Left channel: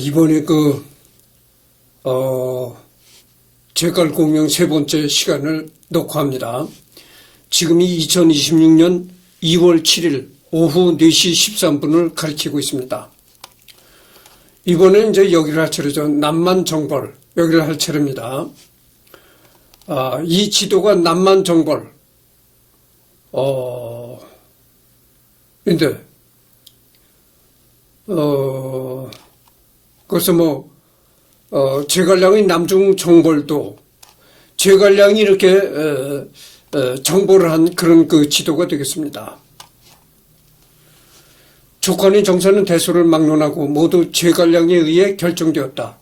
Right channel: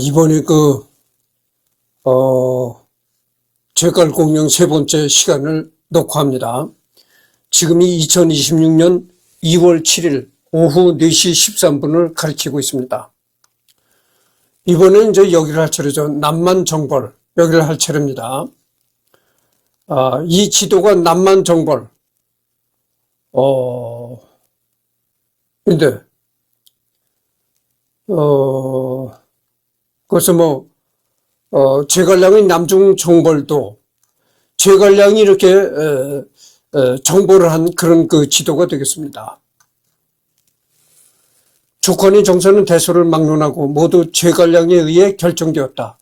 이번에 제갈공명 세 번째 시간을 녹화합니다. 지금이 2026년 2월 7일 오후 4시 13분을 가리키고 있습니다. 이번엔 이제 여기를 할 차례죠. 남만정벌, 여기를 할 차례입니다. 이 지도가 남만정벌, 근데, 그래서 제갈량의 남중 정벌도 제갈량이 이렇게 정벌을 한 그런 그 지도가 되겠습니다. 족관의 정사는 대소를 막론하고 모두 제갈량에 의해 결정되었다.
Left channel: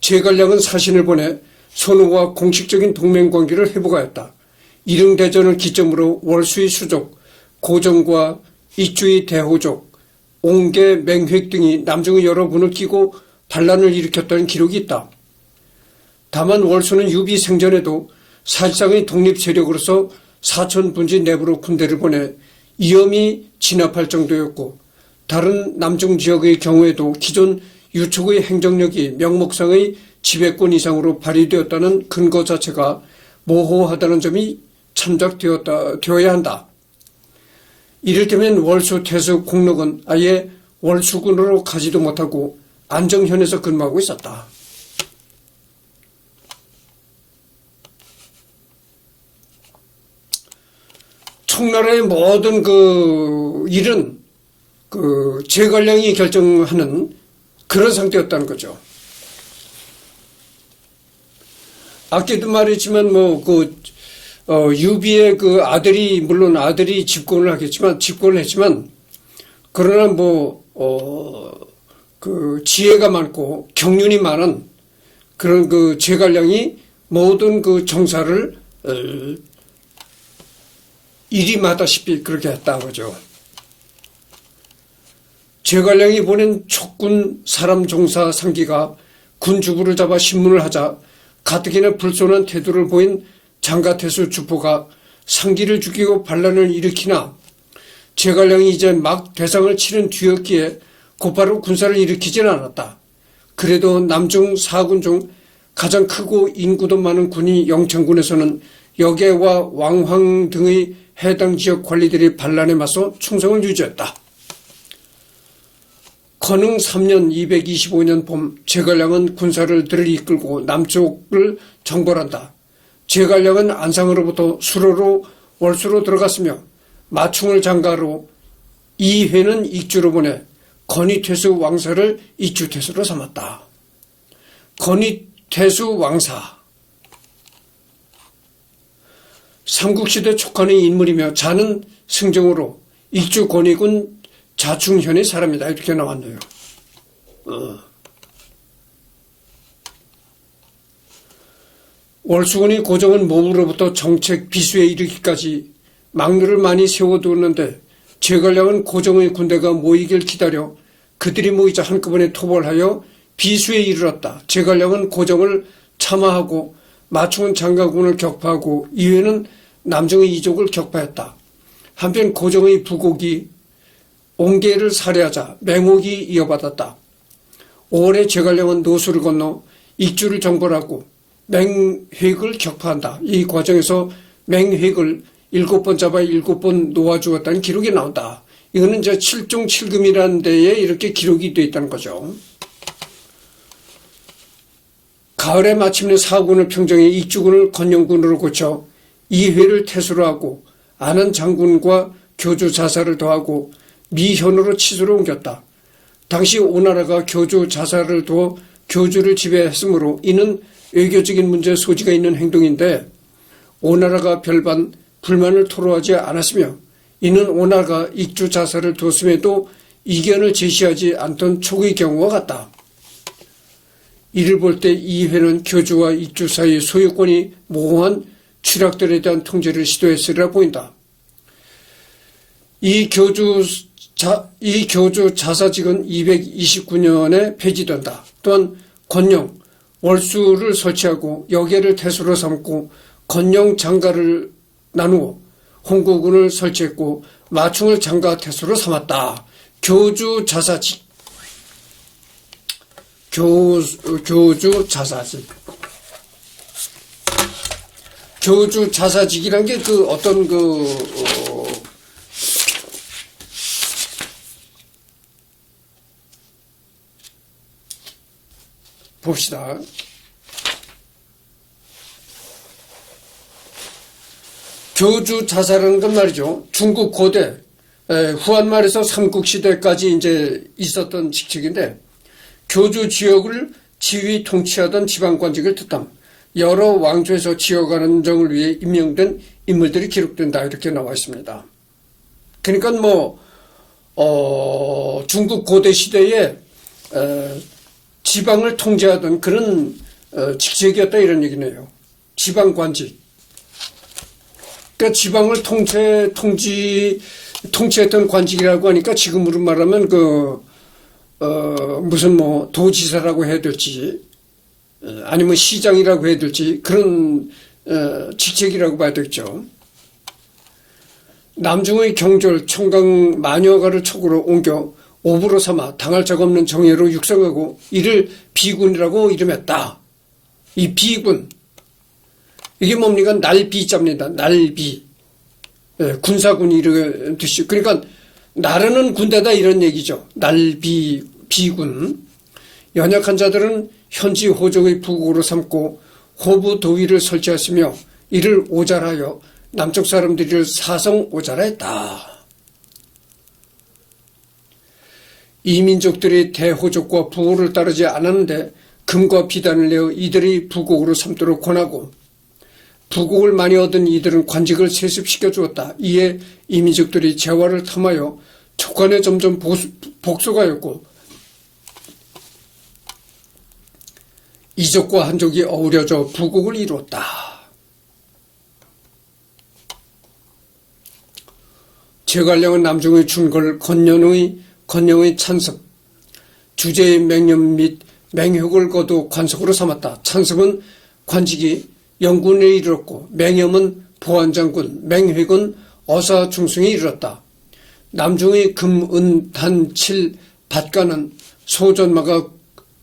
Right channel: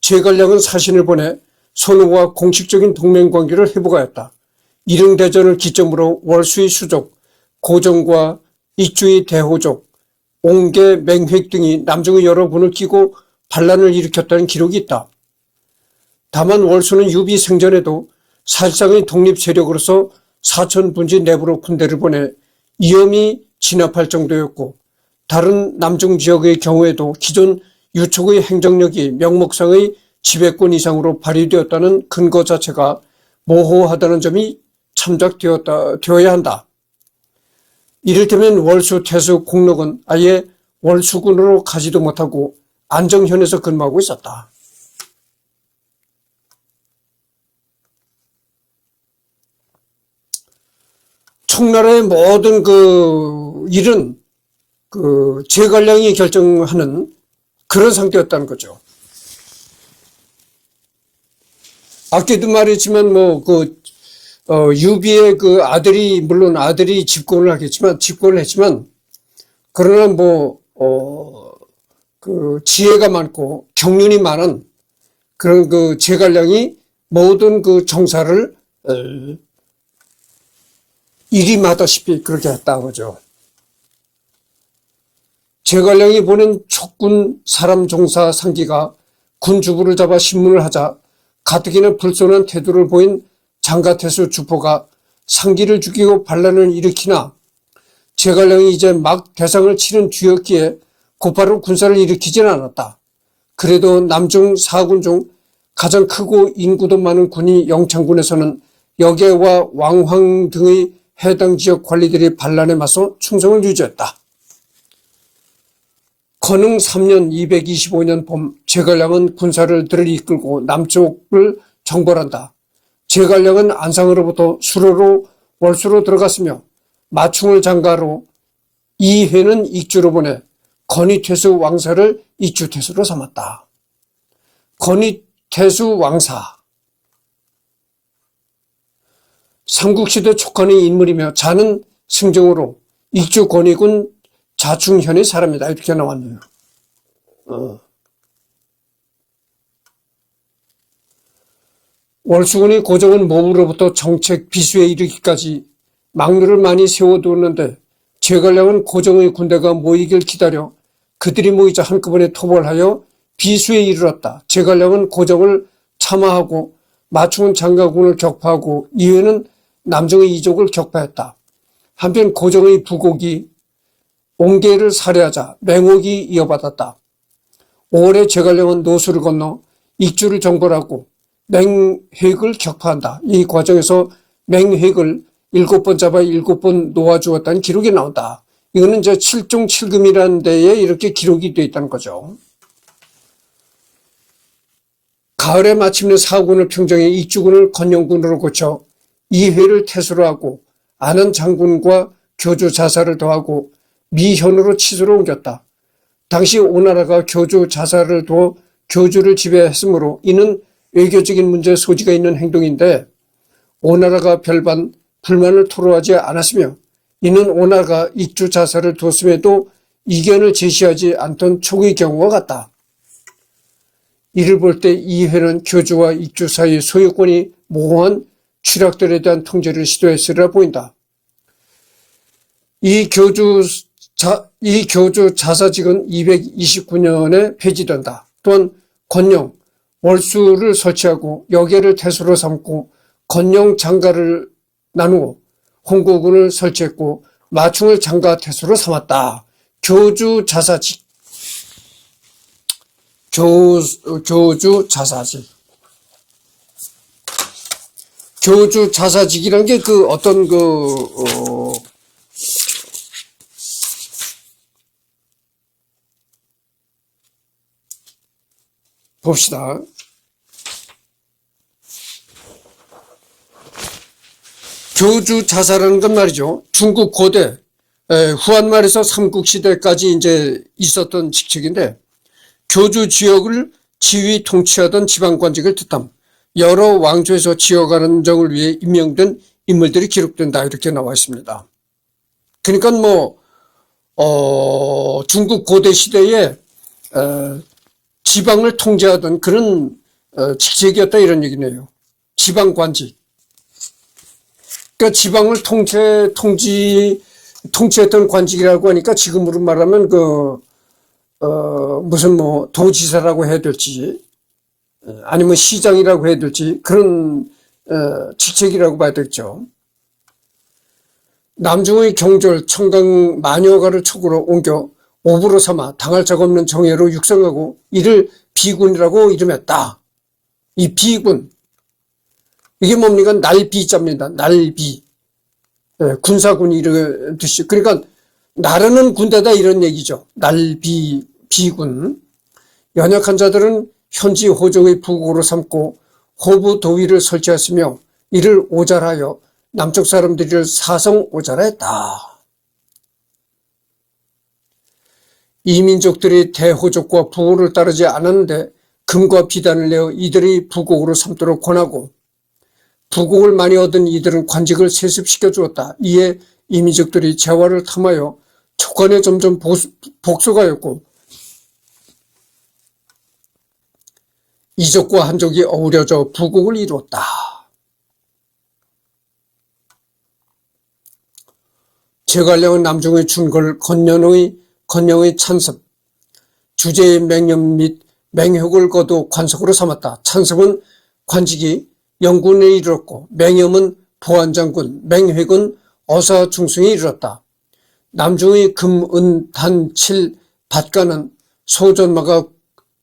제갈량은 사신을 보내 선호와 공식적인 동맹관계를 회복하였다. 일릉대전을 기점으로 월수의 수족, 고정과 이주의 대호족, 옹계, 맹획 등이 남중의 여러 군을 끼고 반란을 일으켰다는 기록이 있다. 다만 월수는 유비 생전에도 사실상의 독립 세력으로서 사천분지 내부로 군대를 보내 위험이 진압할 정도였고, 다른 남중 지역의 경우에도 기존 유촉의 행정력이 명목상의 지배권 이상으로 발휘되었다는 근거 자체가 모호하다는 점이 참작되어야 한다. 이를테면 월수 태수 공록은 아예 월수군으로 가지도 못하고 안정현에서 근무하고 있었다. 청나라의 모든 그 일은 그 제갈량이 결정하는 그런 상태였다는 거죠. 아까도 말했지만 유비의 그 아들이, 물론 아들이 집권을 했지만, 그러나 그 지혜가 많고 경륜이 많은 그런 그 제갈량이 모든 그 정사를 일임하다시피 그렇게 했다는 거죠. 제갈량이 보낸 촉군 사람 종사 상기가 군주부를 잡아 신문을 하자 가뜩이나 불손한 태도를 보인 장가태수 주포가 상기를 죽이고 반란을 일으키나 제갈량이 이제 막 대상을 치른 뒤였기에 곧바로 군사를 일으키지는 않았다. 그래도 남중 4군 중 가장 크고 인구도 많은 군이 영창군에서는 여계와 왕황 등의 해당 지역 관리들이 반란에 맞서 충성을 유지했다. 건흥 3년 225년 봄 제갈량은 군사를 들을 이끌고 남쪽을 정벌한다. 제갈량은 안상으로부터 수로로 월수로 들어갔으며 마충을 장가로 이회는 익주로 보내 건의태수 왕사를 익주태수로 삼았다. 건의태수 왕사, 삼국시대 촉관의 인물이며 자는 승정으로 익주 건의군 자충현의 사람이다. 이렇게 나왔네요. 월수군의 고정은 몸으로부터 정책 비수에 이르기까지 막루를 많이 세워두었는데 제갈량은 고정의 군대가 모이길 기다려 그들이 모이자 한꺼번에 토벌하여 비수에 이르렀다. 제갈량은 고정을 참화하고 마충은 장가군을 격파하고 이회는 남정의 이족을 격파했다. 한편 고정의 부곡이 옹계를 살해하자 맹옥이 이어받았다. 5월에 제갈량은 노수를 건너 익주를 정벌하고 맹획을 격파한다. 이 과정에서 맹획을 7번 잡아 7번 놓아주었다는 기록이 나온다. 이거는 이제 7종 7금이라는 데에 이렇게 기록이 되어 있다는 거죠. 가을에 마침내 4군을 평정해 익주군을 건영군으로 고쳐 이회를 태수로 하고 아는 장군과 교주 자사를 더하고 미현으로 치수로 옮겼다. 당시 오나라가 교주 자사를 두어 교주를 지배했으므로 이는 외교적인 문제에 소지가 있는 행동인데 오나라가 별반 불만을 토로하지 않았으며 이는 오나라가 익주 자사를 뒀음에도 이견을 제시하지 않던 초기의 경우와 같다. 이를 볼 때 이회는 교주와 익주 사이의 소유권이 모호한 취락들에 대한 통제를 시도했으리라 보인다. 이 교주 자사직은 229년에 폐지된다. 또한 건영, 월수를 설치하고 여계를 태수로 삼고 건영 장가를 나누어 홍구군을 설치했고 마충을 장가 태수로 삼았다. 교주 자사직. 교주 자사직. 교주 자사직이란 게 그 어떤 봅시다. 교주 자사라는 건 말이죠. 중국 고대 후한말에서 삼국시대까지 이제 있었던 직책인데, 교주 지역을 지휘 통치하던 지방관직을 뜻함. 여러 왕조에서 지역 안정을 위해 임명된 인물들이 기록된다, 이렇게 나와 있습니다. 그러니까 중국 고대 시대에 지방을 통제하던 그런 직책이었다, 이런 얘기네요. 지방관직. 그러니까 지방을 통치했던 관직이라고 하니까 지금으로 말하면 무슨 도지사라고 해야 될지, 아니면 시장이라고 해야 될지, 그런 직책이라고 봐야 되겠죠. 남중의 경졸 청강 마녀가를 촉으로 옮겨 오부로 삼아 당할 적 없는 정예로 육성하고 이를 비군이라고 이름했다. 이 비군, 이게 뭡니까? 날비자입니다. 날비. 군사군이 이런 뜻이죠. 그러니까 나르는 군대다, 이런 얘기죠. 날비, 비군. 연약한 자들은 현지 호족의 부국으로 삼고 호부 도위를 설치했으며 이를 오잘하여 남쪽 사람들을 사성 오잘했다. 이 민족들이 대호족과 부호를 따르지 않았는데 금과 비단을 내어 이들의 부국으로 삼도록 권하고, 부국을 많이 얻은 이들은 관직을 세습시켜 주었다. 이에 이 민족들이 재화를 탐하여 촉관에 점점 복속하였고, 이족과 한족이 어우러져 부국을 이루었다. 제갈량은 남중의 준걸 건영의 찬섭, 주제의 맹염 및 맹혁을 거두 관석으로 삼았다. 찬섭은 관직이 영군에 이르렀고, 맹염은 보안장군, 맹획은 어사중승에 이르렀다. 남중의 금, 은, 단, 칠, 밭가는 소전마가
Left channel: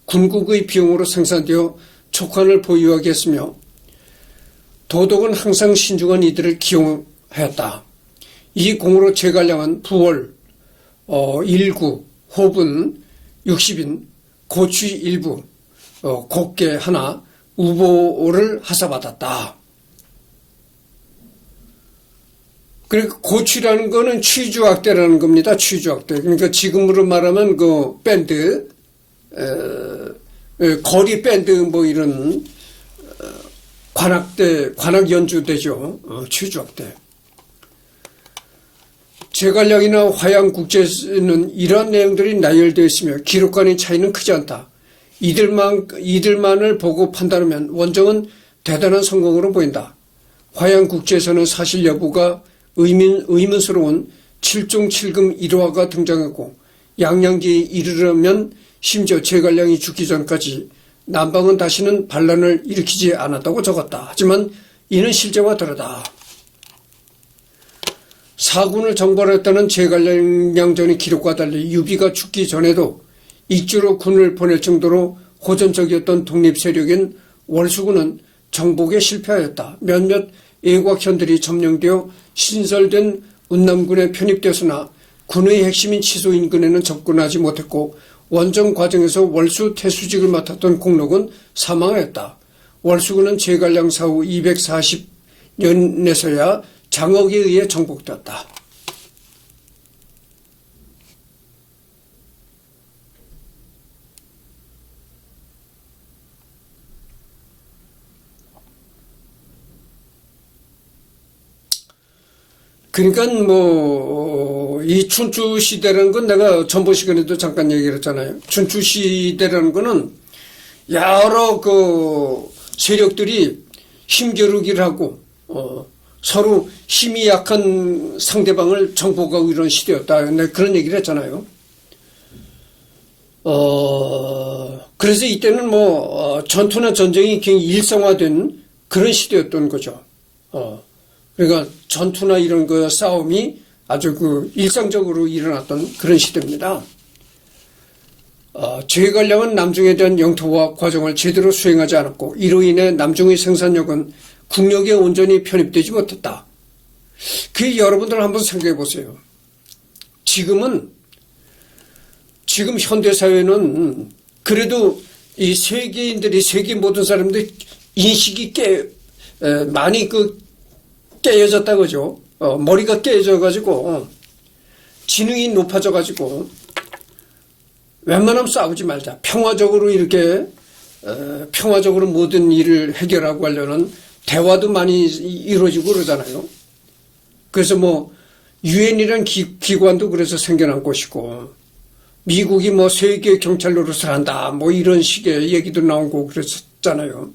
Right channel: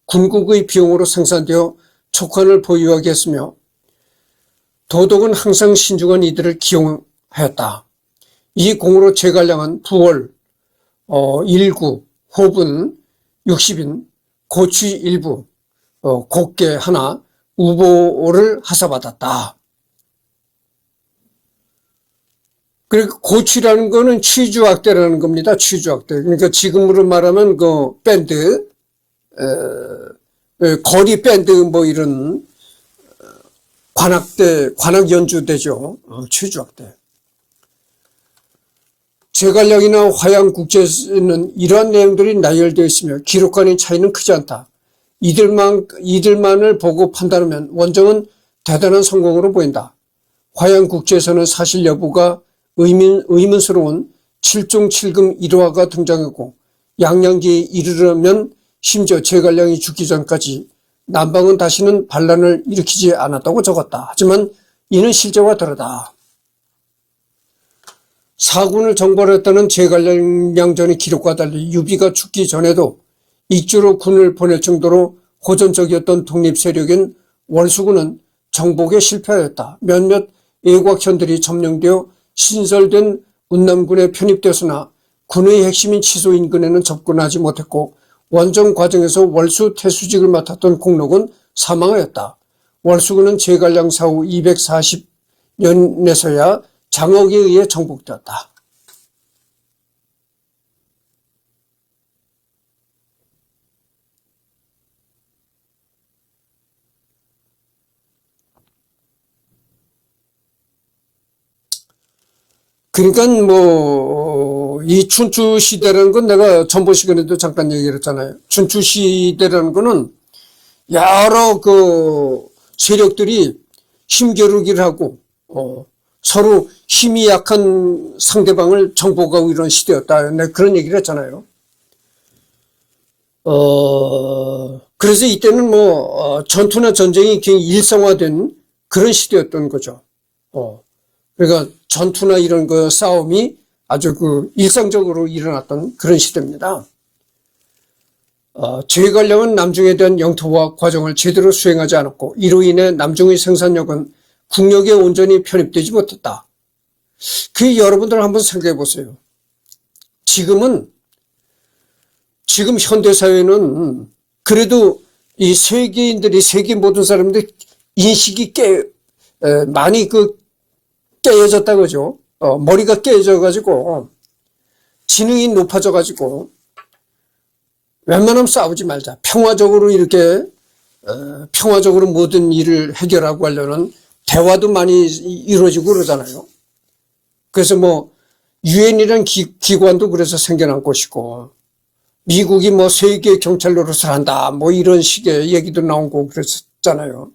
군국의 비용으로 생산되어 촉관을 보유하게 했으며, 도독은 항상 신중한 이들을 기용하였다. 이 공으로 제갈량은 부월, 일구, 호분, 60인, 고취 일부, 곡계 하나, 우보를 하사받았다. 그리고 고취라는 거는 취주악대라는 겁니다. 취주악대. 그러니까 지금으로 말하면 밴드, 거리 밴드 이런 관악대, 관악 연주대죠. 취주악대. 제갈량이나 화양국제에는 이러한 내용들이 나열되어 있으며 기록관의 차이는 크지 않다. 이들만을 보고 판단하면 원정은 대단한 성공으로 보인다. 화양국제에서는 사실 여부가 의문스러운 7종 7금 1화가 등장하고, 양양기에 이르려면 심지어 제갈량이 죽기 전까지 남방은 다시는 반란을 일으키지 않았다고 적었다. 하지만 이는 실제와 다르다. 사군을 정벌했다는 제갈량전의 기록과 달리 유비가 죽기 전에도 익주로 군을 보낼 정도로 호전적이었던 독립세력인 월수군은 정복에 실패하였다. 몇몇 애곽현들이 점령되어 신설된 운남군에 편입되었으나 군의 핵심인 치소 인근에는 접근하지 못했고, 원정 과정에서 월수 태수직을 맡았던 공록은 사망하였다. 월수군은 제갈량 사후 240년에서야 장억에 의해 정복되었다. 그러니까 이 춘추 시대라는 건 내가 전번 시간에도 잠깐 얘기를 했잖아요. 춘추 시대라는 거는 여러 세력들이 힘겨루기를 하고 서로 힘이 약한 상대방을 정복하고 이런 시대였다. 내가 그런 얘기를 했잖아요. 그래서 이때는 전투나 전쟁이 굉장히 일상화된 그런 시대였던 거죠. 그러니까 전투나 이런 싸움이 아주 일상적으로 일어났던 그런 시대입니다. 제갈량은 남중에 대한 영토화 과정을 제대로 수행하지 않았고 이로 인해 남중의 생산력은 국력에 온전히 편입되지 못했다. 여러분들 한번 생각해 보세요. 지금 현대사회는 그래도 이 세계인들이, 세계 모든 사람들이 인식이 많이 깨어졌다 그죠? 머리가 깨어져가지고, 지능이 높아져가지고, 웬만하면 싸우지 말자. 평화적으로 이렇게, 평화적으로 모든 일을 해결하고 하려는 대화도 많이 이루어지고 그러잖아요. 그래서 유엔이라는 기관도 그래서 생겨난 곳이고, 미국이 세계 경찰 노릇을 한다, 이런 식의 얘기도 나오고 그랬었잖아요.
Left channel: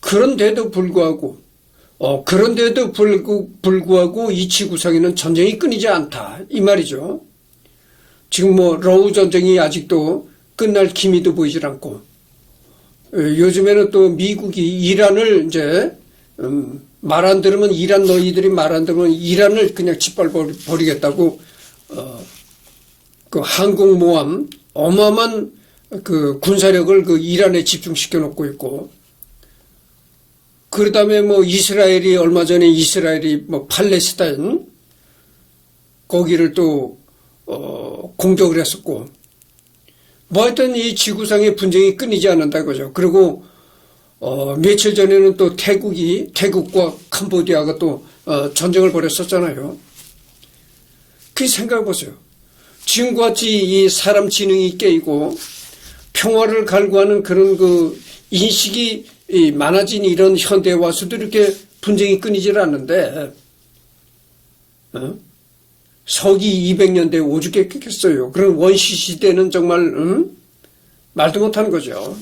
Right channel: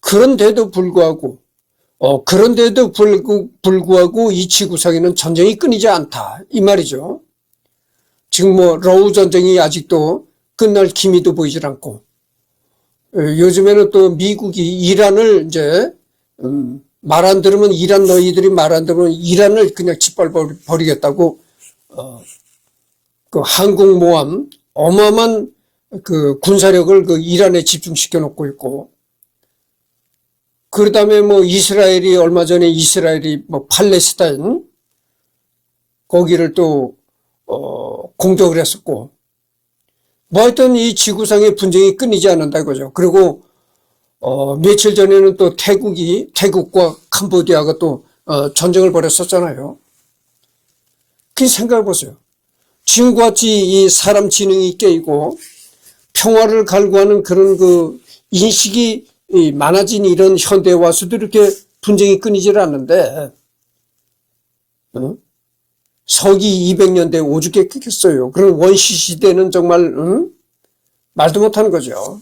그런데도 불구하고 이 지구상에는 전쟁이 끊이지 않다, 이 말이죠. 지금 러우 전쟁이 아직도 끝날 기미도 보이질 않고, 요즘에는 또 미국이 이란을 이제, 말 안 들으면 너희들이 말 안 들으면 이란을 그냥 짓밟아버리겠다고, 항공모함, 어마어마한 군사력을 이란에 집중시켜 놓고 있고, 그 다음에 이스라엘이 얼마 전에 팔레스타인, 거기를 또, 공격을 했었고, 하여튼 이 지구상의 분쟁이 끊이지 않는다 이거죠. 그리고, 며칠 전에는 또 태국과 캄보디아가 또, 전쟁을 벌였었잖아요. 생각해 보세요. 지금과 같이 이 사람 지능이 깨이고 평화를 갈구하는 그런 인식이 많아진 이런 현대에 와서도 이렇게 분쟁이 끊이질 않는데, 서기 200년대에 오죽게 끊겼어요. 그런 원시 시대는 정말, 말도 못하는 거죠.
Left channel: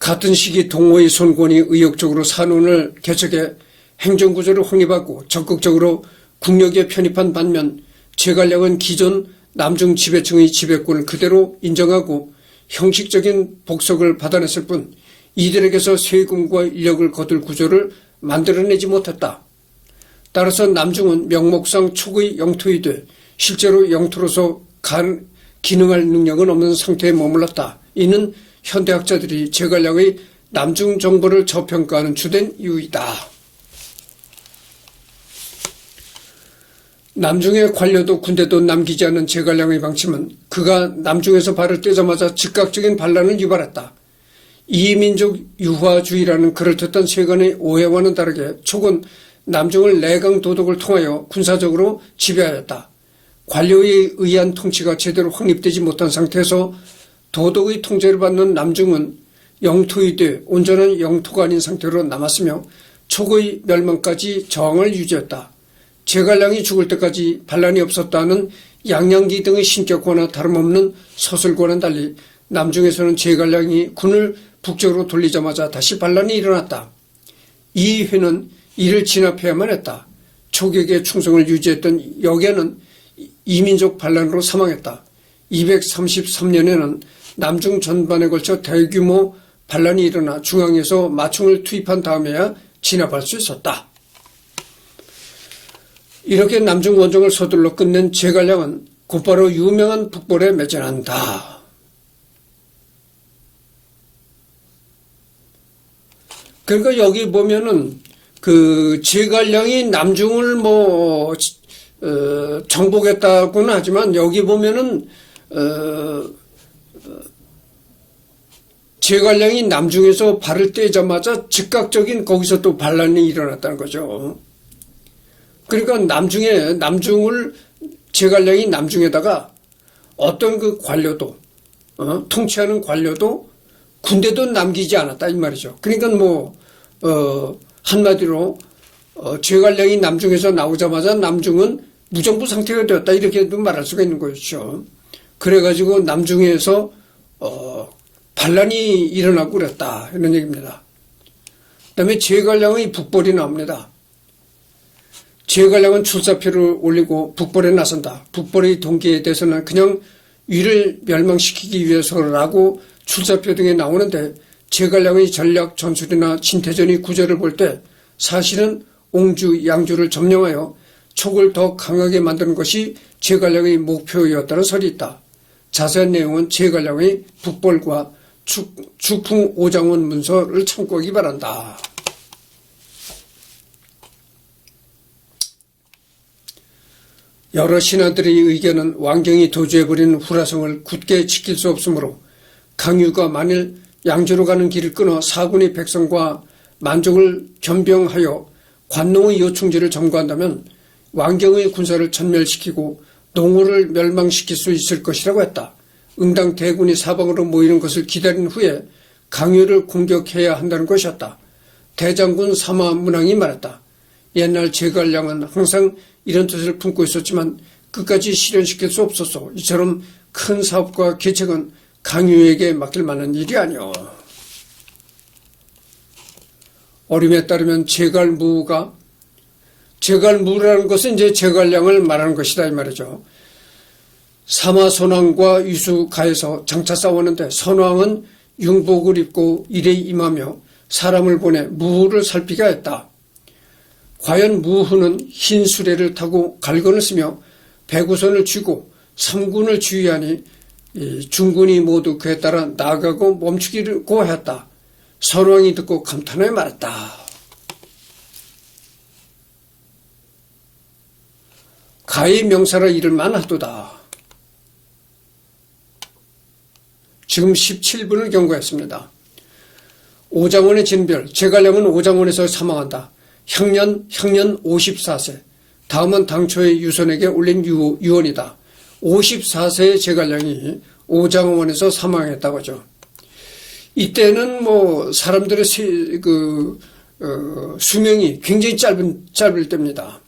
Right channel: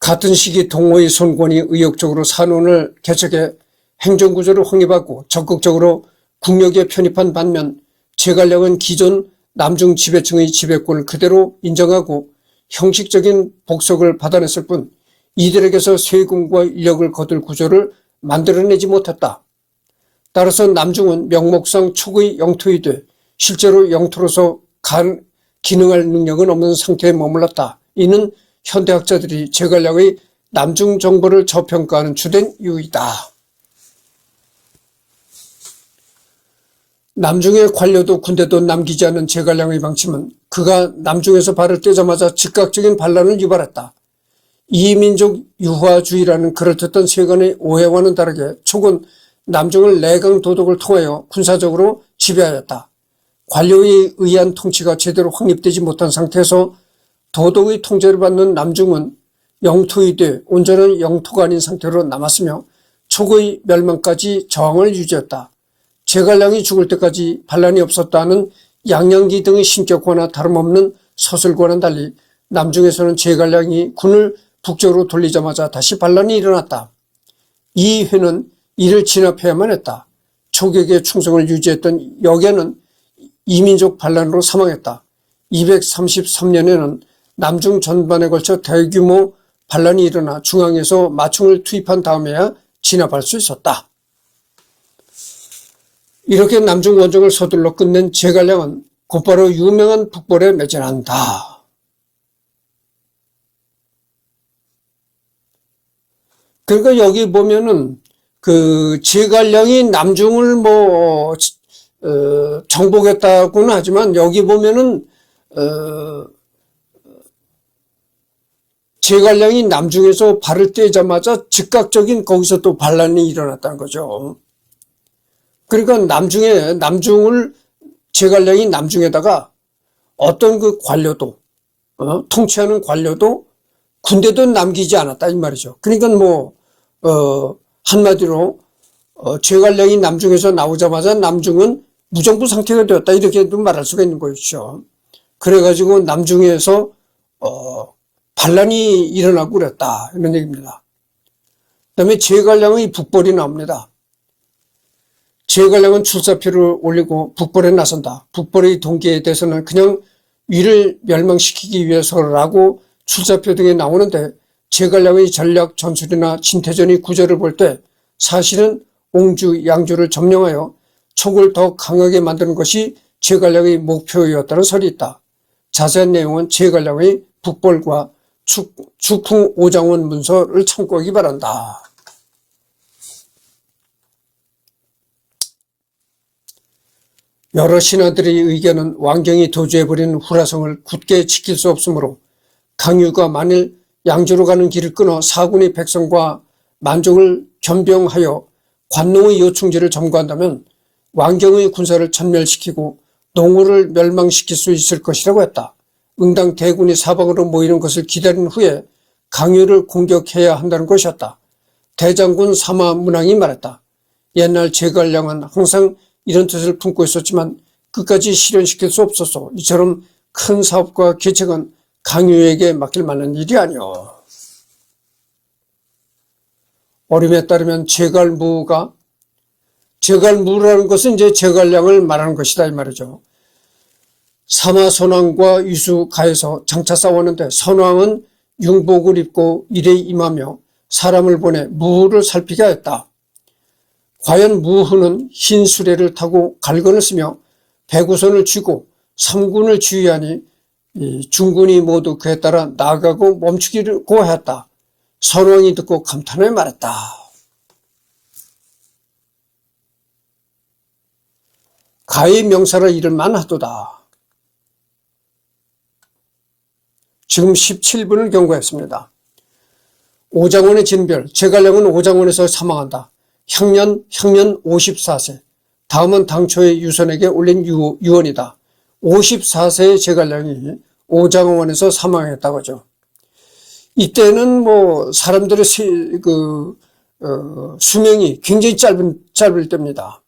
같은 시기 동호의 손권이 의욕적으로 산원을 개척해 행정구조를 확립하고 적극적으로 국력에 편입한 반면 제갈량은 기존 남중 지배층의 지배권을 그대로 인정하고 형식적인 복속을 받아냈을 뿐 이들에게서 세금과 인력을 거둘 구조를 만들어내지 못했다. 따라서 남중은 명목상 초기의 영토이 돼 실제로 영토로서 기능할 능력은 없는 상태에 머물렀다. 이는 현대학자들이 제갈량의 남중 정보를 저평가하는 주된 이유이다. 남중의 관료도 군대도 남기지 않은 제갈량의 방침은 그가 남중에서 발을 떼자마자 즉각적인 반란을 유발했다. 이민족 유화주의라는 그럴듯한 세간의 오해와는 다르게 촉은 남중을 내강 도덕을 통하여 군사적으로 지배하였다. 관료에 의한 통치가 제대로 확립되지 못한 상태에서 도덕의 통제를 받는 남중은 영토이 돼 온전한 영토가 아닌 상태로 남았으며 촉의 멸망까지 저항을 유지했다. 제갈량이 죽을 때까지 반란이 없었다는 양양기 등의 신격과나 다름없는 서술과는 달리 남중에서는 제갈량이 군을 북쪽으로 돌리자마자 다시 반란이 일어났다. 이 회는 이를 진압해야만 했다. 촉에게 충성을 유지했던 역에는 이민족 반란으로 사망했다. 233년에는 남중 전반에 걸쳐 대규모 반란이 일어나 중앙에서 마충을 투입한 다음에야 진압할 수 있었다. 이렇게 남중 원정을 서둘러 끝낸 제갈량은 곧바로 유명한 북벌에 매진한다. 그러니까 여기 보면은 제갈량이 남중을 정복했다고는 하지만 여기 보면은 제갈량이 남중에서 발을 떼자마자 즉각적인 거기서 또 반란이 일어났다는 거죠. 그러니까 남중을 제갈량이 남중에다가 어떤 관료도 통치하는 관료도 군대도 남기지 않았다 이 말이죠. 그러니까 한마디로 제갈량이 남중에서 나오자마자 남중은 무정부 상태가 되었다 이렇게도 말할 수가 있는 것이죠. 그래가지고 남중에서 반란이 일어나고 그랬다 이런 얘기입니다. 그다음에 제갈량의 북벌이 나옵니다. 제갈량은 출사표를 올리고 북벌에 나선다. 북벌의 동기에 대해서는 그냥 위를 멸망시키기 위해서라고 출사표 등에 나오는데 제갈량의 전략 전술이나 진태전의 구제를 볼 때 사실은 옹주, 양주를 점령하여 촉을 더 강하게 만드는 것이 제갈량의 목표였다는 설이 있다. 자세한 내용은 제갈량의 북벌과 주풍 오장원 문서를 참고하기 바란다. 여러 신하들의 의견은 왕경이 도주해버린 후라성을 굳게 지킬 수 없으므로 강유가 만일 양주로 가는 길을 끊어 사군의 백성과 만족을 겸병하여 관농의 요충지를 점거한다면 왕경의 군사를 전멸시키고 농어를 멸망시킬 수 있을 것이라고 했다. 응당 대군이 사방으로 모이는 것을 기다린 후에 강유를 공격해야 한다는 것이었다. 대장군 사마문왕이 말했다. 옛날 제갈량은 항상 이런 뜻을 품고 있었지만 끝까지 실현시킬 수 없었어. 이처럼 큰 사업과 계책은 강유에게 맡길 만한 일이 아니오. 어림에 따르면 제갈무라는 것은 이제 제갈량을 말하는 것이다 이 말이죠. 사마선왕과 유수가에서 장차 싸웠는데 선왕은 융복을 입고 일에 임하며 사람을 보내 무후를 살피게 하였다. 과연 무후는 흰 수레를 타고 갈건을 쓰며 백우선을 쥐고 삼군을 주의하니 중군이 모두 그에 따라 나가고 멈추기고 하였다. 선왕이 듣고 감탄하여 말했다. 가의 명사를 잃을만 하도다. 지금 17분을 경고했습니다. 오장원의 진별, 제갈량은 오장원에서 사망한다. 향년 54세. 다음은 당초의 유선에게 올린 유언이다. 54세의 제갈량이 오장원에서 사망했다고 하죠. 이때는 뭐 사람들의 수명이 굉장히 짧을 때입니다.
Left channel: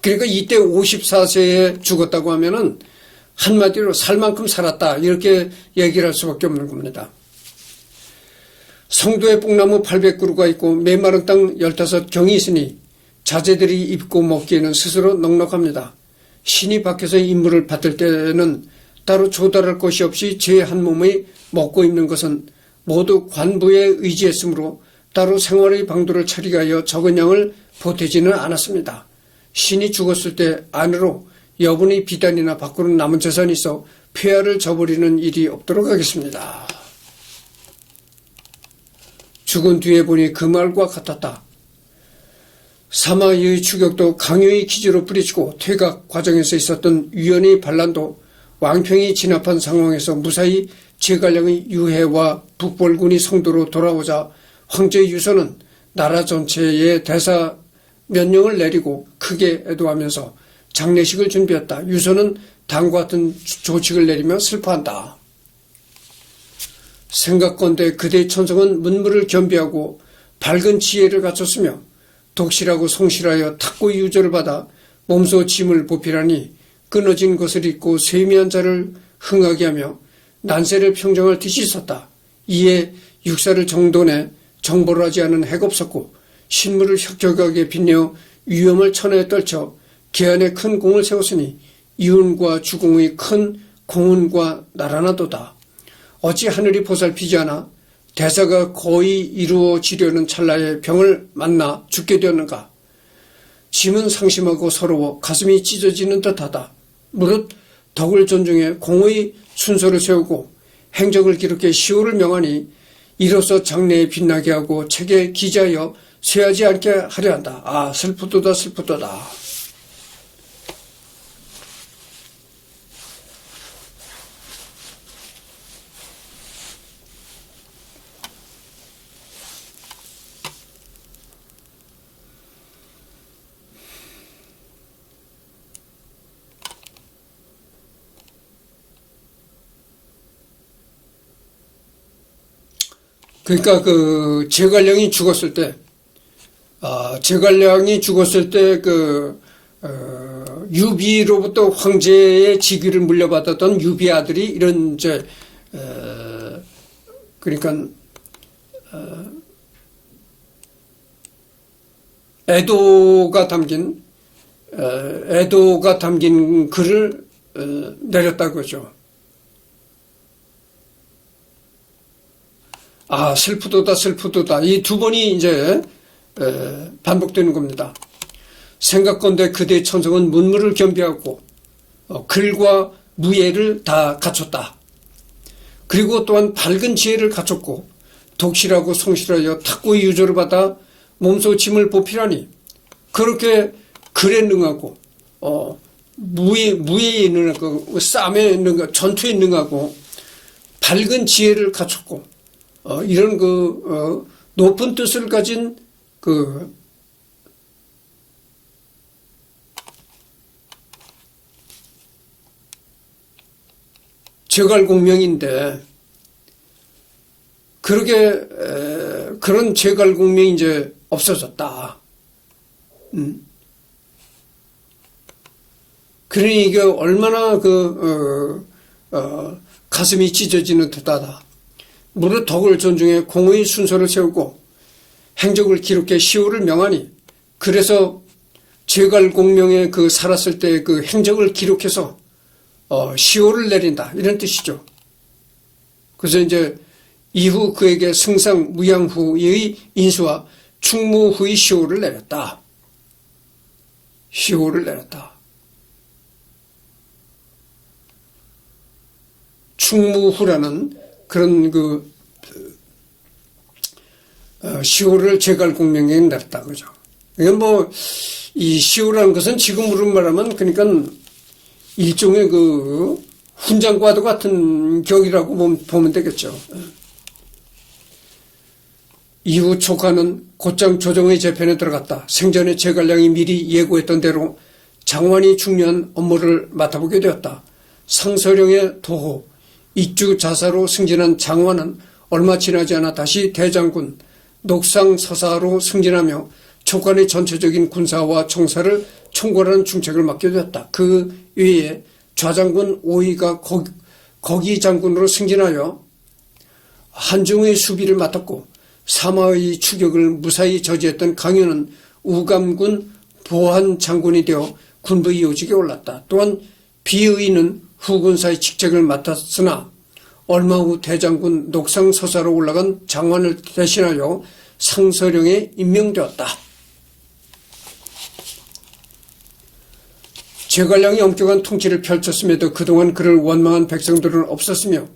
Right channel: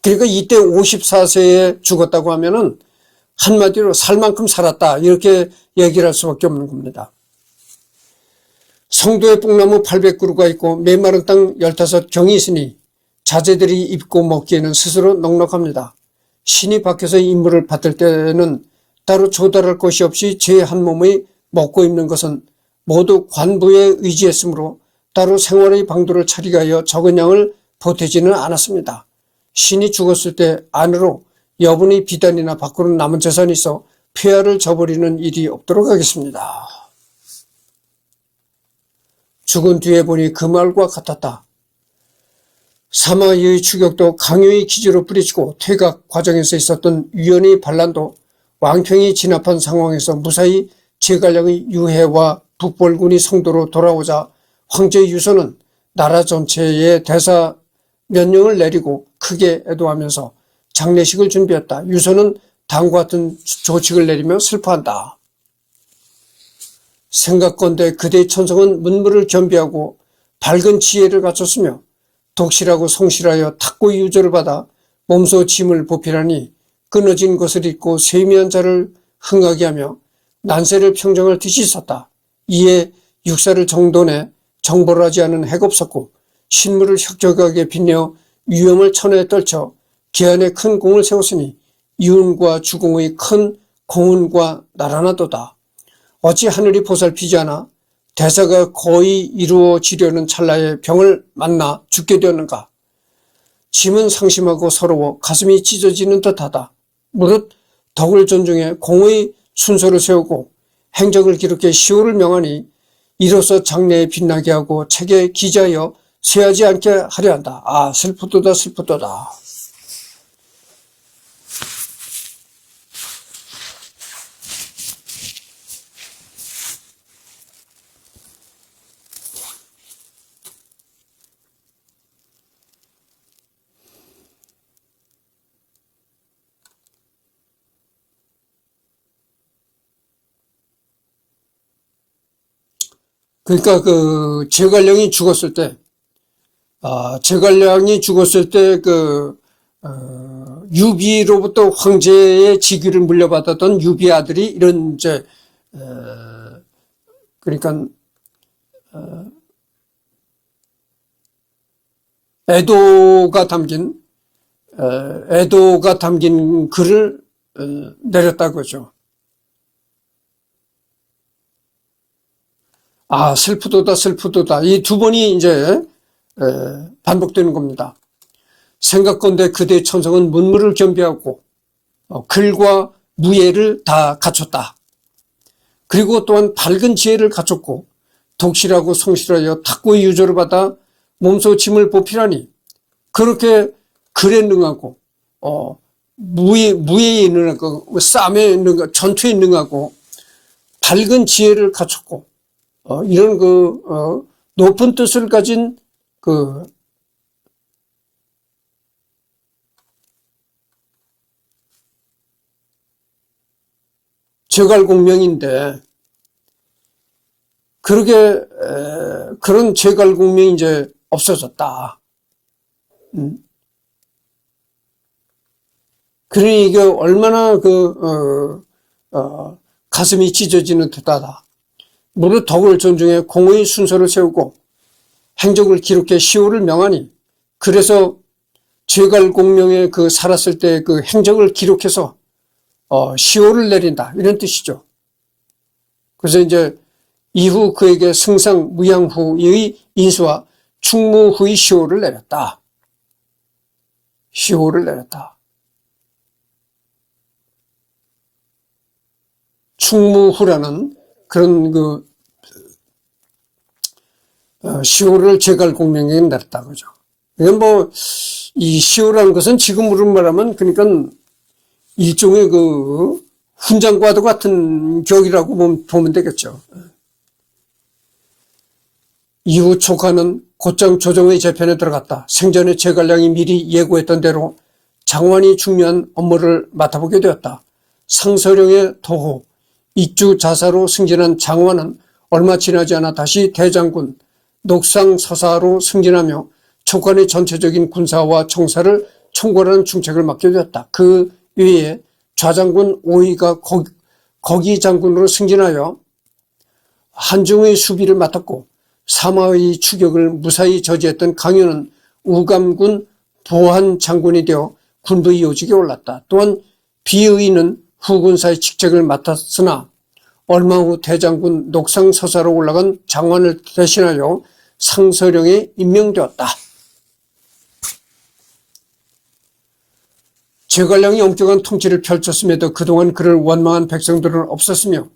그러니까 이때 54세에 죽었다고 하면은 한마디로 살 만큼 살았다 이렇게 얘기를 할 수밖에 없는 겁니다. 성도에 뽕나무 800그루가 있고 메마른 땅 15경이 있으니 자제들이 입고 먹기에는 스스로 넉넉합니다. 신이 밖에서 임무를 받을 때는 따로 조달할 것이 없이 제 한 몸의 먹고 입는 것은 모두 관부에 의지했으므로 따로 생활의 방도를 차리게 하여 적은 양을 보태지는 않았습니다. 신이 죽었을 때 안으로 여분의 비단이나 밖으로 남은 재산이 있어 폐하를 저버리는 일이 없도록 하겠습니다. 죽은 뒤에 보니 그 말과 같았다. 사마의 추격도 강요의 기지로 뿌리치고 퇴각 과정에서 있었던 위헌의 반란도 왕평이 진압한 상황에서 무사히 제갈량의 유해와 북벌군이 성도로 돌아오자 황제 유서는 나라 전체에 대사 면령을 내리고 크게 애도하면서 장례식을 준비했다. 유서는 다음과 같은 조칙을 내리며 슬퍼한다. 생각건대 그대의 천성은 문물을 겸비하고 밝은 지혜를 갖췄으며 독실하고 성실하여 탁고의 유저를 받아 몸소 짐을 보필하니 끊어진 것을 입고 세미한 자를 흥하게 하며 난세를 평정할 뜻이 있었다. 이에 육사를 정돈해 정벌을 하지 않은 해가 없었고 신물을 혁적하게 빛내어 위험을 천하에 떨쳐 계안에 큰 공을 세웠으니 이운과 주공의 큰 공훈과 나라나도다. 어찌 하늘이 보살피지 않아 대사가 거의 이루어지려는 찰나에 병을 만나 죽게 되었는가. 짐은 상심하고 서러워 가슴이 찢어지는 듯하다. 무릇 덕을 존중해 공의 순서를 세우고 행적을 기록해 시호를 명하니 이로써 장래에 빛나게 하고 책에 기재하여 쇠하지 않게 하려 한다. 아, 슬프도다 슬프도다. 그러니까 제갈량이 죽었을 때, 유비로부터 황제의 직위를 물려받았던 유비 아들이 이런 그러니까 애도가 담긴 글을 내렸다고 하죠. 아, 슬프도다 슬프도다. 이 두 번이 이제 반복되는 겁니다. 생각건대 그대의 천성은 문물을 겸비하고 글과 무예를 다 갖췄다. 그리고 또한 밝은 지혜를 갖췄고 독실하고 성실하여 탁구의 유조를 받아 몸소 짐을 보필하니 그렇게 글에 능하고 무예에 능하고 싸움에 능하고 전투에 능하고 밝은 지혜를 갖췄고 이런 높은 뜻을 가진 제갈공명인데 그런 제갈공명이 이제 없어졌다. 그러니 이게 얼마나 가슴이 찢어지는 듯하다. 무릇 덕을 존중해 공의 순서를 세우고 행적을 기록해 시호를 명하니 그래서 제갈공명의 살았을 때 그 행적을 기록해서 시호를 내린다 이런 뜻이죠. 그래서 이제 이후 그에게 승상 무양후의 인수와 충무후의 시호를 내렸다. 시호를 내렸다. 충무후라는 그런 시호를 제갈공명에게 내렸다 그죠. 이건 이 시호라는 것은 지금으로 말하면 그러니까 일종의 훈장과도 같은 격이라고 보면 되겠죠. 이후 촉하는 곧장 조정의 재편에 들어갔다. 생전에 제갈량이 미리 예고했던 대로 장관이 중요한 업무를 맡아보게 되었다. 상서령의 도호, 입주 자사로 승진한 장관은 얼마 지나지 않아 다시 대장군, 녹상서사로 승진하며 촉관의 전체적인 군사와 총사를 총괄하는 중책을 맡게 되었다. 그 외에 좌장군 오이가 거기 장군으로 승진하여 한중의 수비를 맡았고 사마의 추격을 무사히 저지했던 강연은 우감군 보한 장군이 되어 군부의 요직에 올랐다. 또한 비의는 후군사의 직책을 맡았으나 얼마 후 대장군 녹상서사로 올라간 장관을 대신하여 상서령에 임명되었다. 제갈량이 엄격한 통치를 펼쳤음에도 그동안 그를 원망한 백성들은 없었으며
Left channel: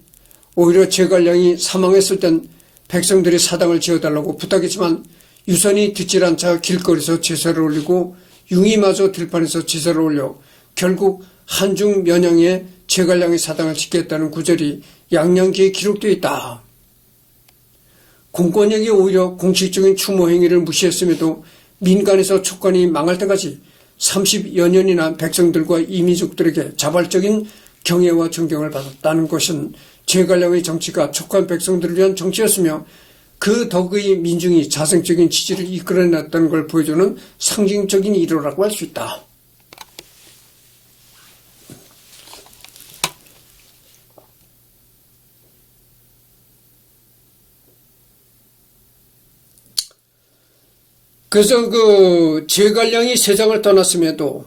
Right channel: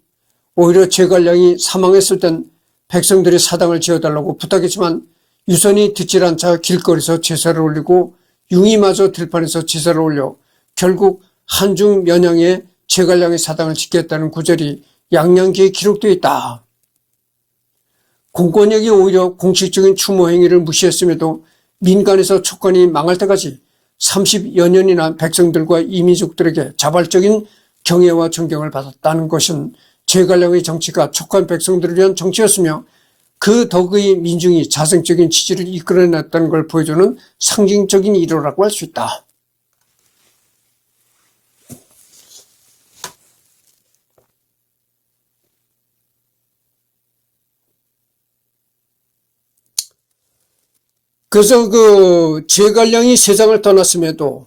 오히려 제갈량이 사망했을 땐 백성들이 사당을 지어달라고 부탁했지만 유선이 듣질 않자 길거리에서 제사를 올리고 융이마저 들판에서 제사를 올려 결국 한중 면양에 제갈량의 사당을 짓겠다는 구절이 양양기에 기록되어 있다. 공권력이 오히려 공식적인 추모 행위를 무시했음에도 민간에서 촉관이 망할 때까지 30여 년이나 백성들과 이민족들에게 자발적인 경애와 존경을 받았다는 것은 제갈량의 정치가 촉관 백성들을 위한 정치였으며 그 덕의 민중이 자생적인 지지를 이끌어냈다는 걸 보여주는 상징적인 일화라고 할 수 있다. 그래서 제갈량이 세상을 떠났음에도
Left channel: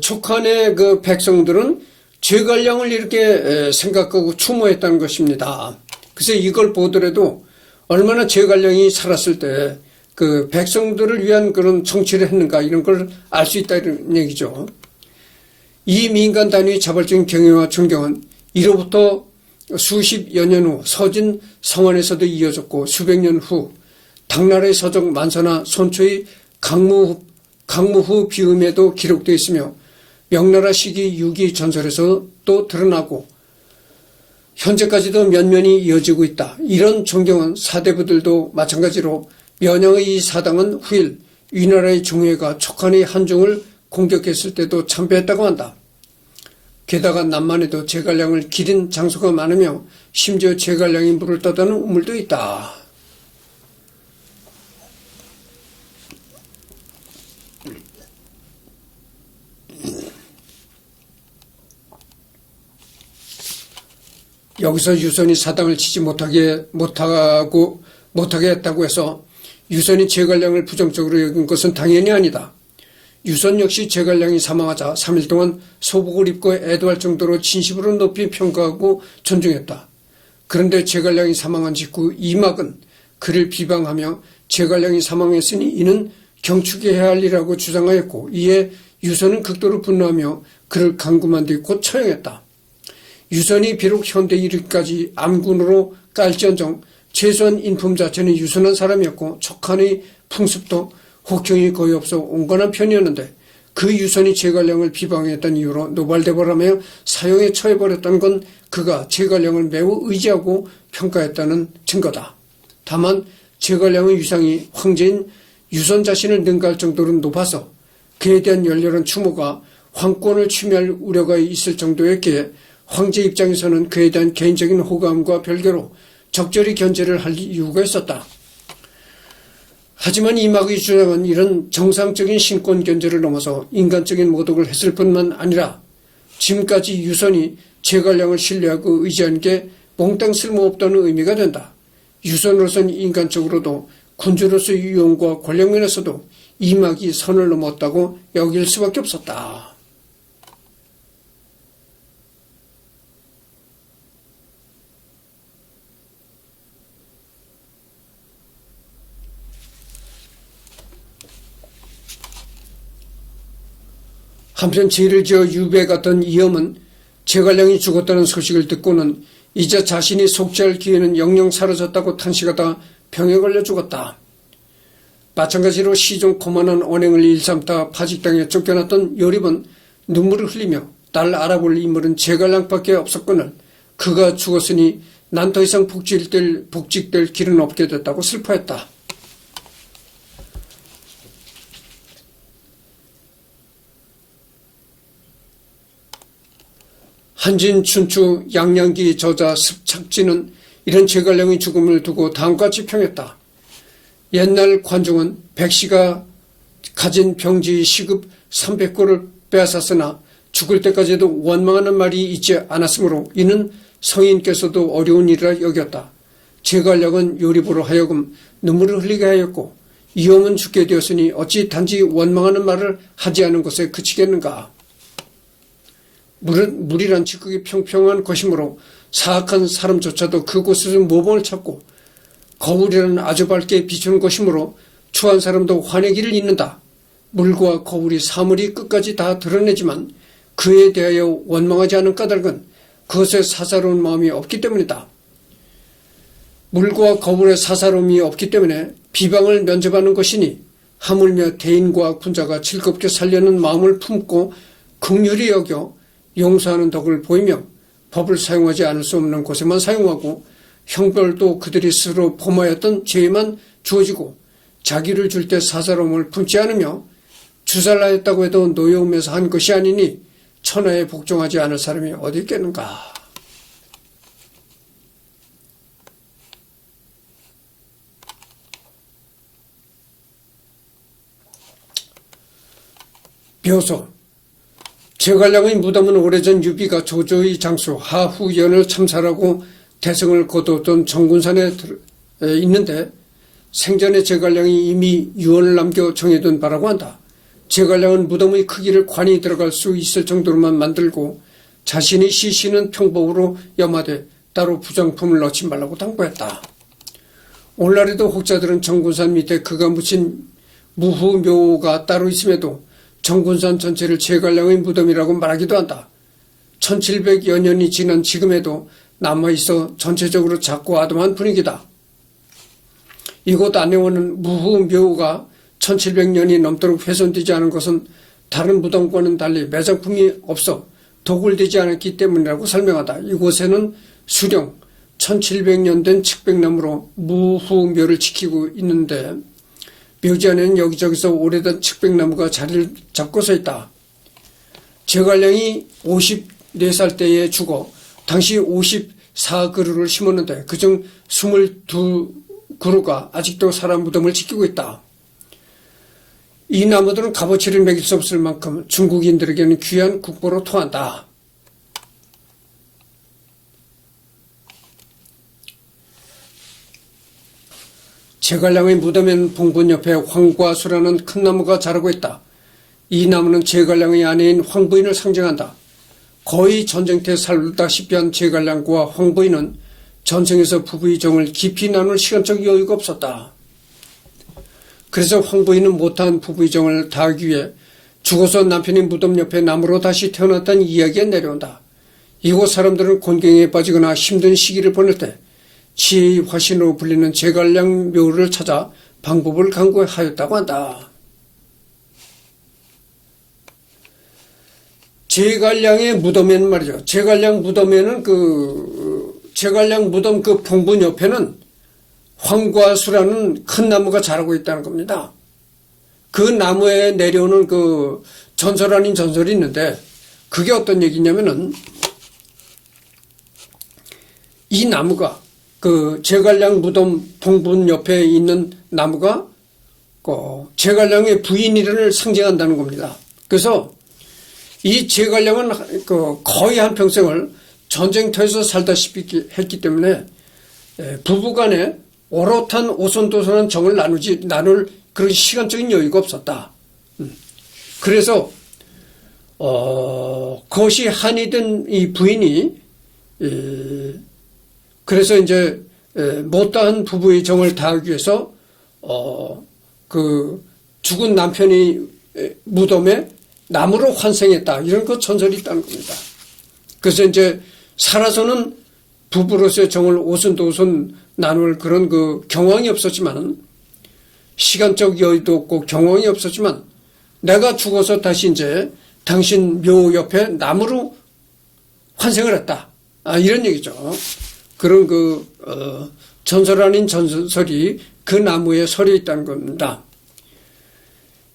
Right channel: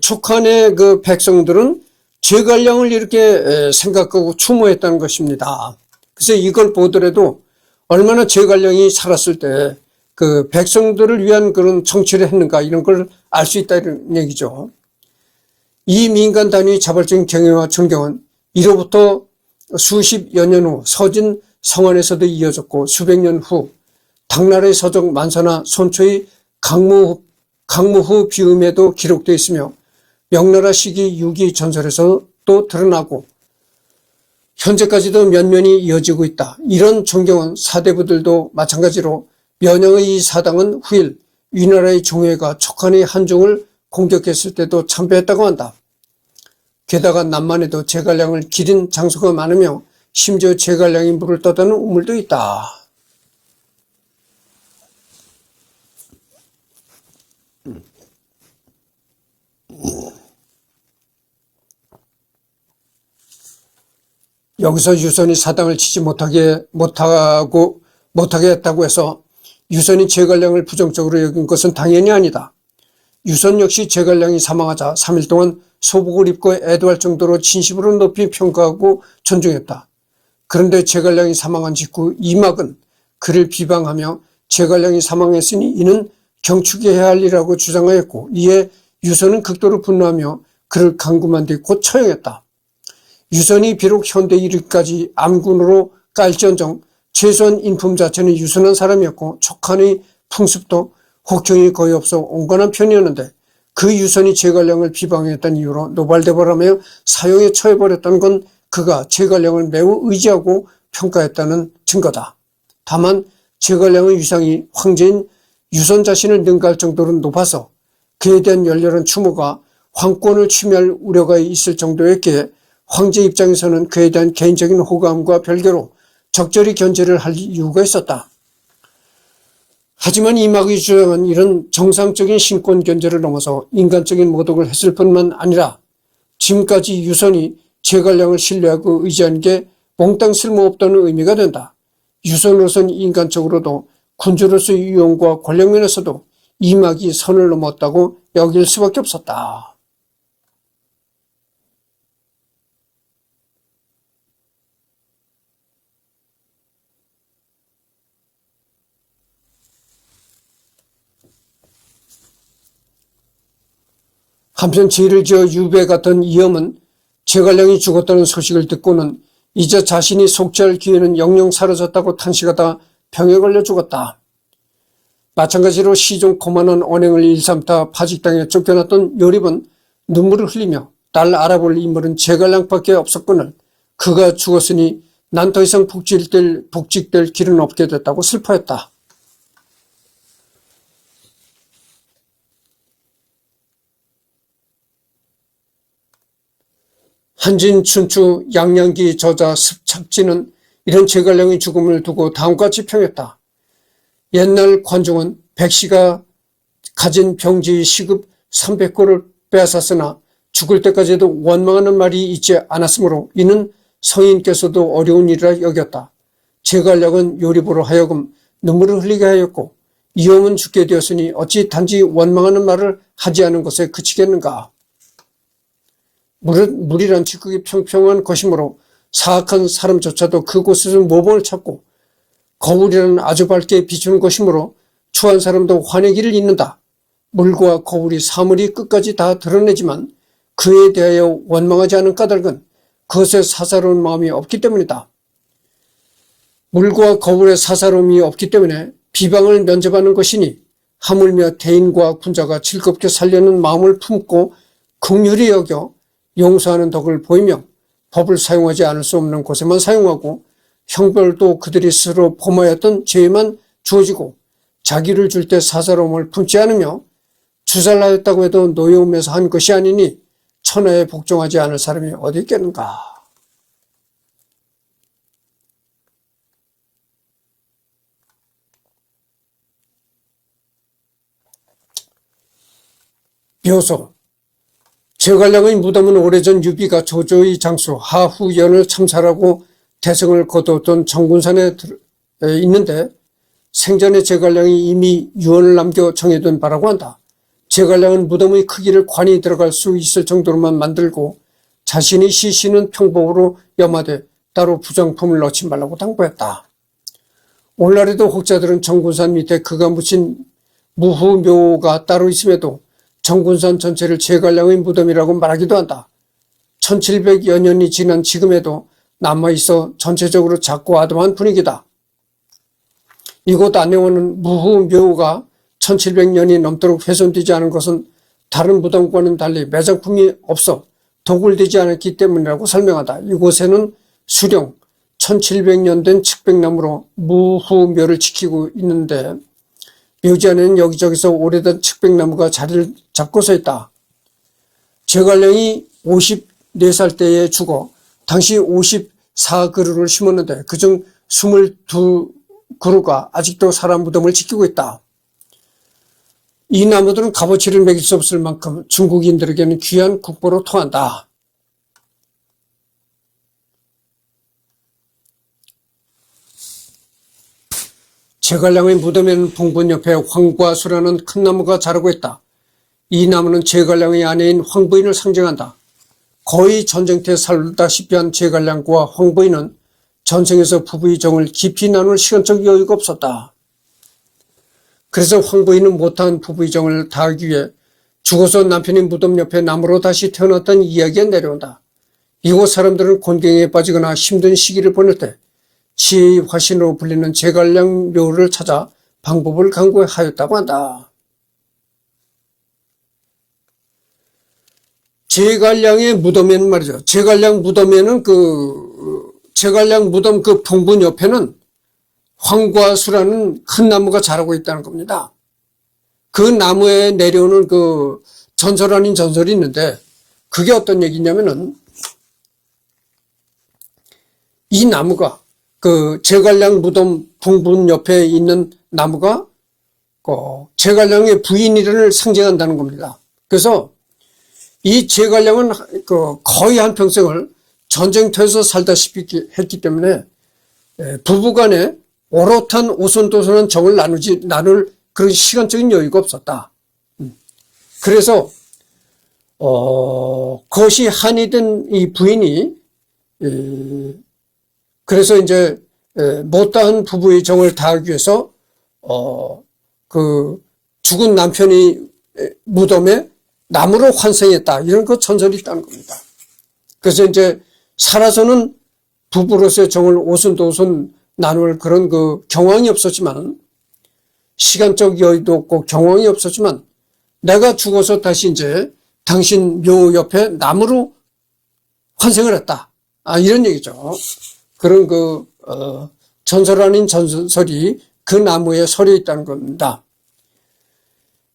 촉한의 백성들은 제갈량을 이렇게 생각하고 추모했다는 것입니다. 그래서 이걸 보더라도 얼마나 제갈량이 살았을 때 백성들을 위한 그런 정치를 했는가 이런 걸 알 수 있다 이런 얘기죠. 이 민간 단위의 자발적인 경애와 존경은 이로부터 수십여 년 후 서진 성안에서도 이어졌고 수백 년 후 당나라의 서적 만사나 손초의 강무후 비음에도 기록되어 있으며 명나라 시기 유기 전설에서 또 드러나고 현재까지도 면면이 이어지고 있다. 이런 존경은 사대부들도 마찬가지로 면양의 이 사당은 후일 위나라의 종회가 촉한의 한중을 공격했을 때도 참배했다고 한다. 게다가 남만에도 제갈량을 기린 장소가 많으며 심지어 제갈량이 물을 떠다는 우물도 있다. 여기서 유선이 사당을 치지 못하게 했다고 해서 유선이 제갈량을 부정적으로 여긴 것은 당연히 아니다. 유선 역시 제갈량이 사망하자 3일 동안 소복을 입고 애도할 정도로 진심으로 높이 평가하고 존중했다. 그런데 제갈량이 사망한 직후 이막은 그를 비방하며 제갈량이 사망했으니 이는 경축해야 할 일이라고 주장하였고 이에 유선은 극도로 분노하며 그를 감금한 뒤 곧 처형했다. 유선이 비록 현대 이르기까지 암군으로 깔지언정 최소한 인품 자체는 유순한 사람이었고 촉한의 풍습도 혹평이 거의 없어 온건한 편이었는데 그 유선이 제갈량을 비방했던 이유로 노발대발하며 사형에 처해버렸던 건 그가 제갈량을 매우 의지하고 평가했다는 증거다. 다만 제갈량의 위상이 황제인 유선 자신을 능가할 정도로 높아서 그에 대한 열렬한 추모가 황권을 침해할 우려가 있을 정도였기에 황제 입장에서는 그에 대한 개인적인 호감과 별개로 적절히 견제를 할 이유가 있었다. 하지만 이막의 주장은 이런 정상적인 신권 견제를 넘어서 인간적인 모독을 했을 뿐만 아니라 지금까지 유선이 제갈량을 신뢰하고 의지한 게 몽땅 쓸모없다는 의미가 된다. 유선으로서는 인간적으로도 군주로서의 유용과 권력면에서도 이막이 선을 넘었다고 여길 수밖에 없었다. 한편 죄를 지어 유배 갔던 이엄은 제갈량이 죽었다는 소식을 듣고는 이제 자신이 속죄할 기회는 영영 사라졌다고 탄식하다 병에 걸려 죽었다. 마찬가지로 시종 고만한 언행을 일삼다 파직당해 쫓겨났던 요립은 눈물을 흘리며 딸 알아볼 인물은 제갈량밖에 없었거늘 그가 죽었으니 난 더 이상 복직될 길은 없게 됐다고 슬퍼했다. 한진, 춘추, 양양기 저자 습착지는 이런 제갈량의 죽음을 두고 다음과 같이 평했다. 옛날 관종은 백씨가 가진 병지의 시급 300고를 빼앗았으나 죽을 때까지도 원망하는 말이 있지 않았으므로 이는 성인께서도 어려운 일이라 여겼다. 제갈량은 요립으로 하여금 눈물을 흘리게 하였고 이엄은 죽게 되었으니 어찌 단지 원망하는 말을 하지 않은 것에 그치겠는가. 물이란 지극히 평평한 것이므로 사악한 사람조차도 그곳에서 모범을 찾고 거울이라는 아주 밝게 비추는 것이므로 추한 사람도 화내기를 잇는다. 물과 거울이 사물이 끝까지 다 드러내지만 그에 대하여 원망하지 않은 까닭은 그것에 사사로운 마음이 없기 때문이다. 물과 거울에 사사로움이 없기 때문에 비방을 면접하는 것이니 하물며 대인과 군자가 즐겁게 살려는 마음을 품고 긍휼히 여겨 용서하는 덕을 보이며 법을 사용하지 않을 수 없는 곳에만 사용하고 형벌도 그들이 스스로 범하였던 죄에만 주어지고 자기를 줄 때 사사로움을 품지 않으며 주살하였다고 해도 노여움에서 한 것이 아니니 천하에 복종하지 않을 사람이 어디 있겠는가. 묘소 제갈량의 무덤은 오래전 유비가 조조의 장수 하후연을 참살하고 대성을 거두었던 정군산에 있는데 생전에 제갈량이 이미 유언을 남겨 정해둔 바라고 한다. 제갈량은 무덤의 크기를 관이 들어갈 수 있을 정도로만 만들고 자신이 시신은 평범으로 염하되 따로 부정품을 넣지 말라고 당부했다. 오늘날에도 혹자들은 정군산 밑에 그가 묻힌 무후묘가 따로 있음에도 정군산 전체를 제갈량의 무덤이라고 말하기도 한다. 1700여 년이 지난 지금에도 남아있어 전체적으로 작고 아담한 분위기다. 이곳 안내원은 무후묘가 1700년이 넘도록 훼손되지 않은 것은 다른 무덤과는 달리 매장품이 없어 도굴되지 않았기 때문이라고 설명한다. 이곳에는 수령 1700년 된 측백나무로 무후묘를 지키고 있는데 묘지 안에는 여기저기서 오래된 측백나무가 자리를 잡고 서 있다. 제갈량이 54살 때에 죽어 당시 54그루를 심었는데 그중 22그루가 아직도 사람 무덤을 지키고 있다. 이 나무들은 값어치를 매길 수 없을 만큼 중국인들에게는 귀한 국보로 통한다. 제갈량의 무덤엔 봉분 옆에 황과수라는 큰 나무가 자라고 있다. 이 나무는 제갈량의 아내인 황부인을 상징한다. 거의 전쟁터에 살다시피 한 제갈량과 황부인은 전생에서 부부의 정을 깊이 나눌 시간적 여유가 없었다. 그래서 황부인은 못한 부부의 정을 다하기 위해 죽어서 남편이 무덤 옆에 나무로 다시 태어났다는 이야기가 내려온다. 이곳 사람들은 곤경에 빠지거나 힘든 시기를 보낼 때 지화신으로 불리는 제갈량 묘를 찾아 방법을 강구하였다고 한다. 제갈량의 무덤에는 말이죠. 제갈량 무덤에는 제갈량 무덤 그 봉분 옆에는 황과수라는 큰 나무가 자라고 있다는 겁니다. 그 나무에 내려오는 그 전설 아닌 전설이 있는데 그게 어떤 얘기냐면은 이 나무가 그 제갈량 무덤 봉분 옆에 있는 나무가 제갈량의 부인이를 상징한다는 겁니다. 그래서 이 제갈량은 거의 한평생을 전쟁터에서 살다시피 했기 때문에 부부간에 오롯한 오손도손한 정을 나눌 그런 시간적인 여유가 없었다. 그래서 그것이 한이 된 이 부인이 그래서 이제 못다한 부부의 정을 다하기 위해서 그 죽은 남편이 무덤에 나무로 환생했다. 이런 그 전설이 있다는 겁니다. 그래서 이제 살아서는 부부로서의 정을 오손도손 나눌 그런 그 경황이 없었지만 시간적 여유도 없고 경황이 없었지만 내가 죽어서 다시 이제 당신 묘 옆에 나무로 환생을 했다. 이런 얘기죠. 그런 전설 아닌 전설이 그 나무에 설이 있다는 겁니다.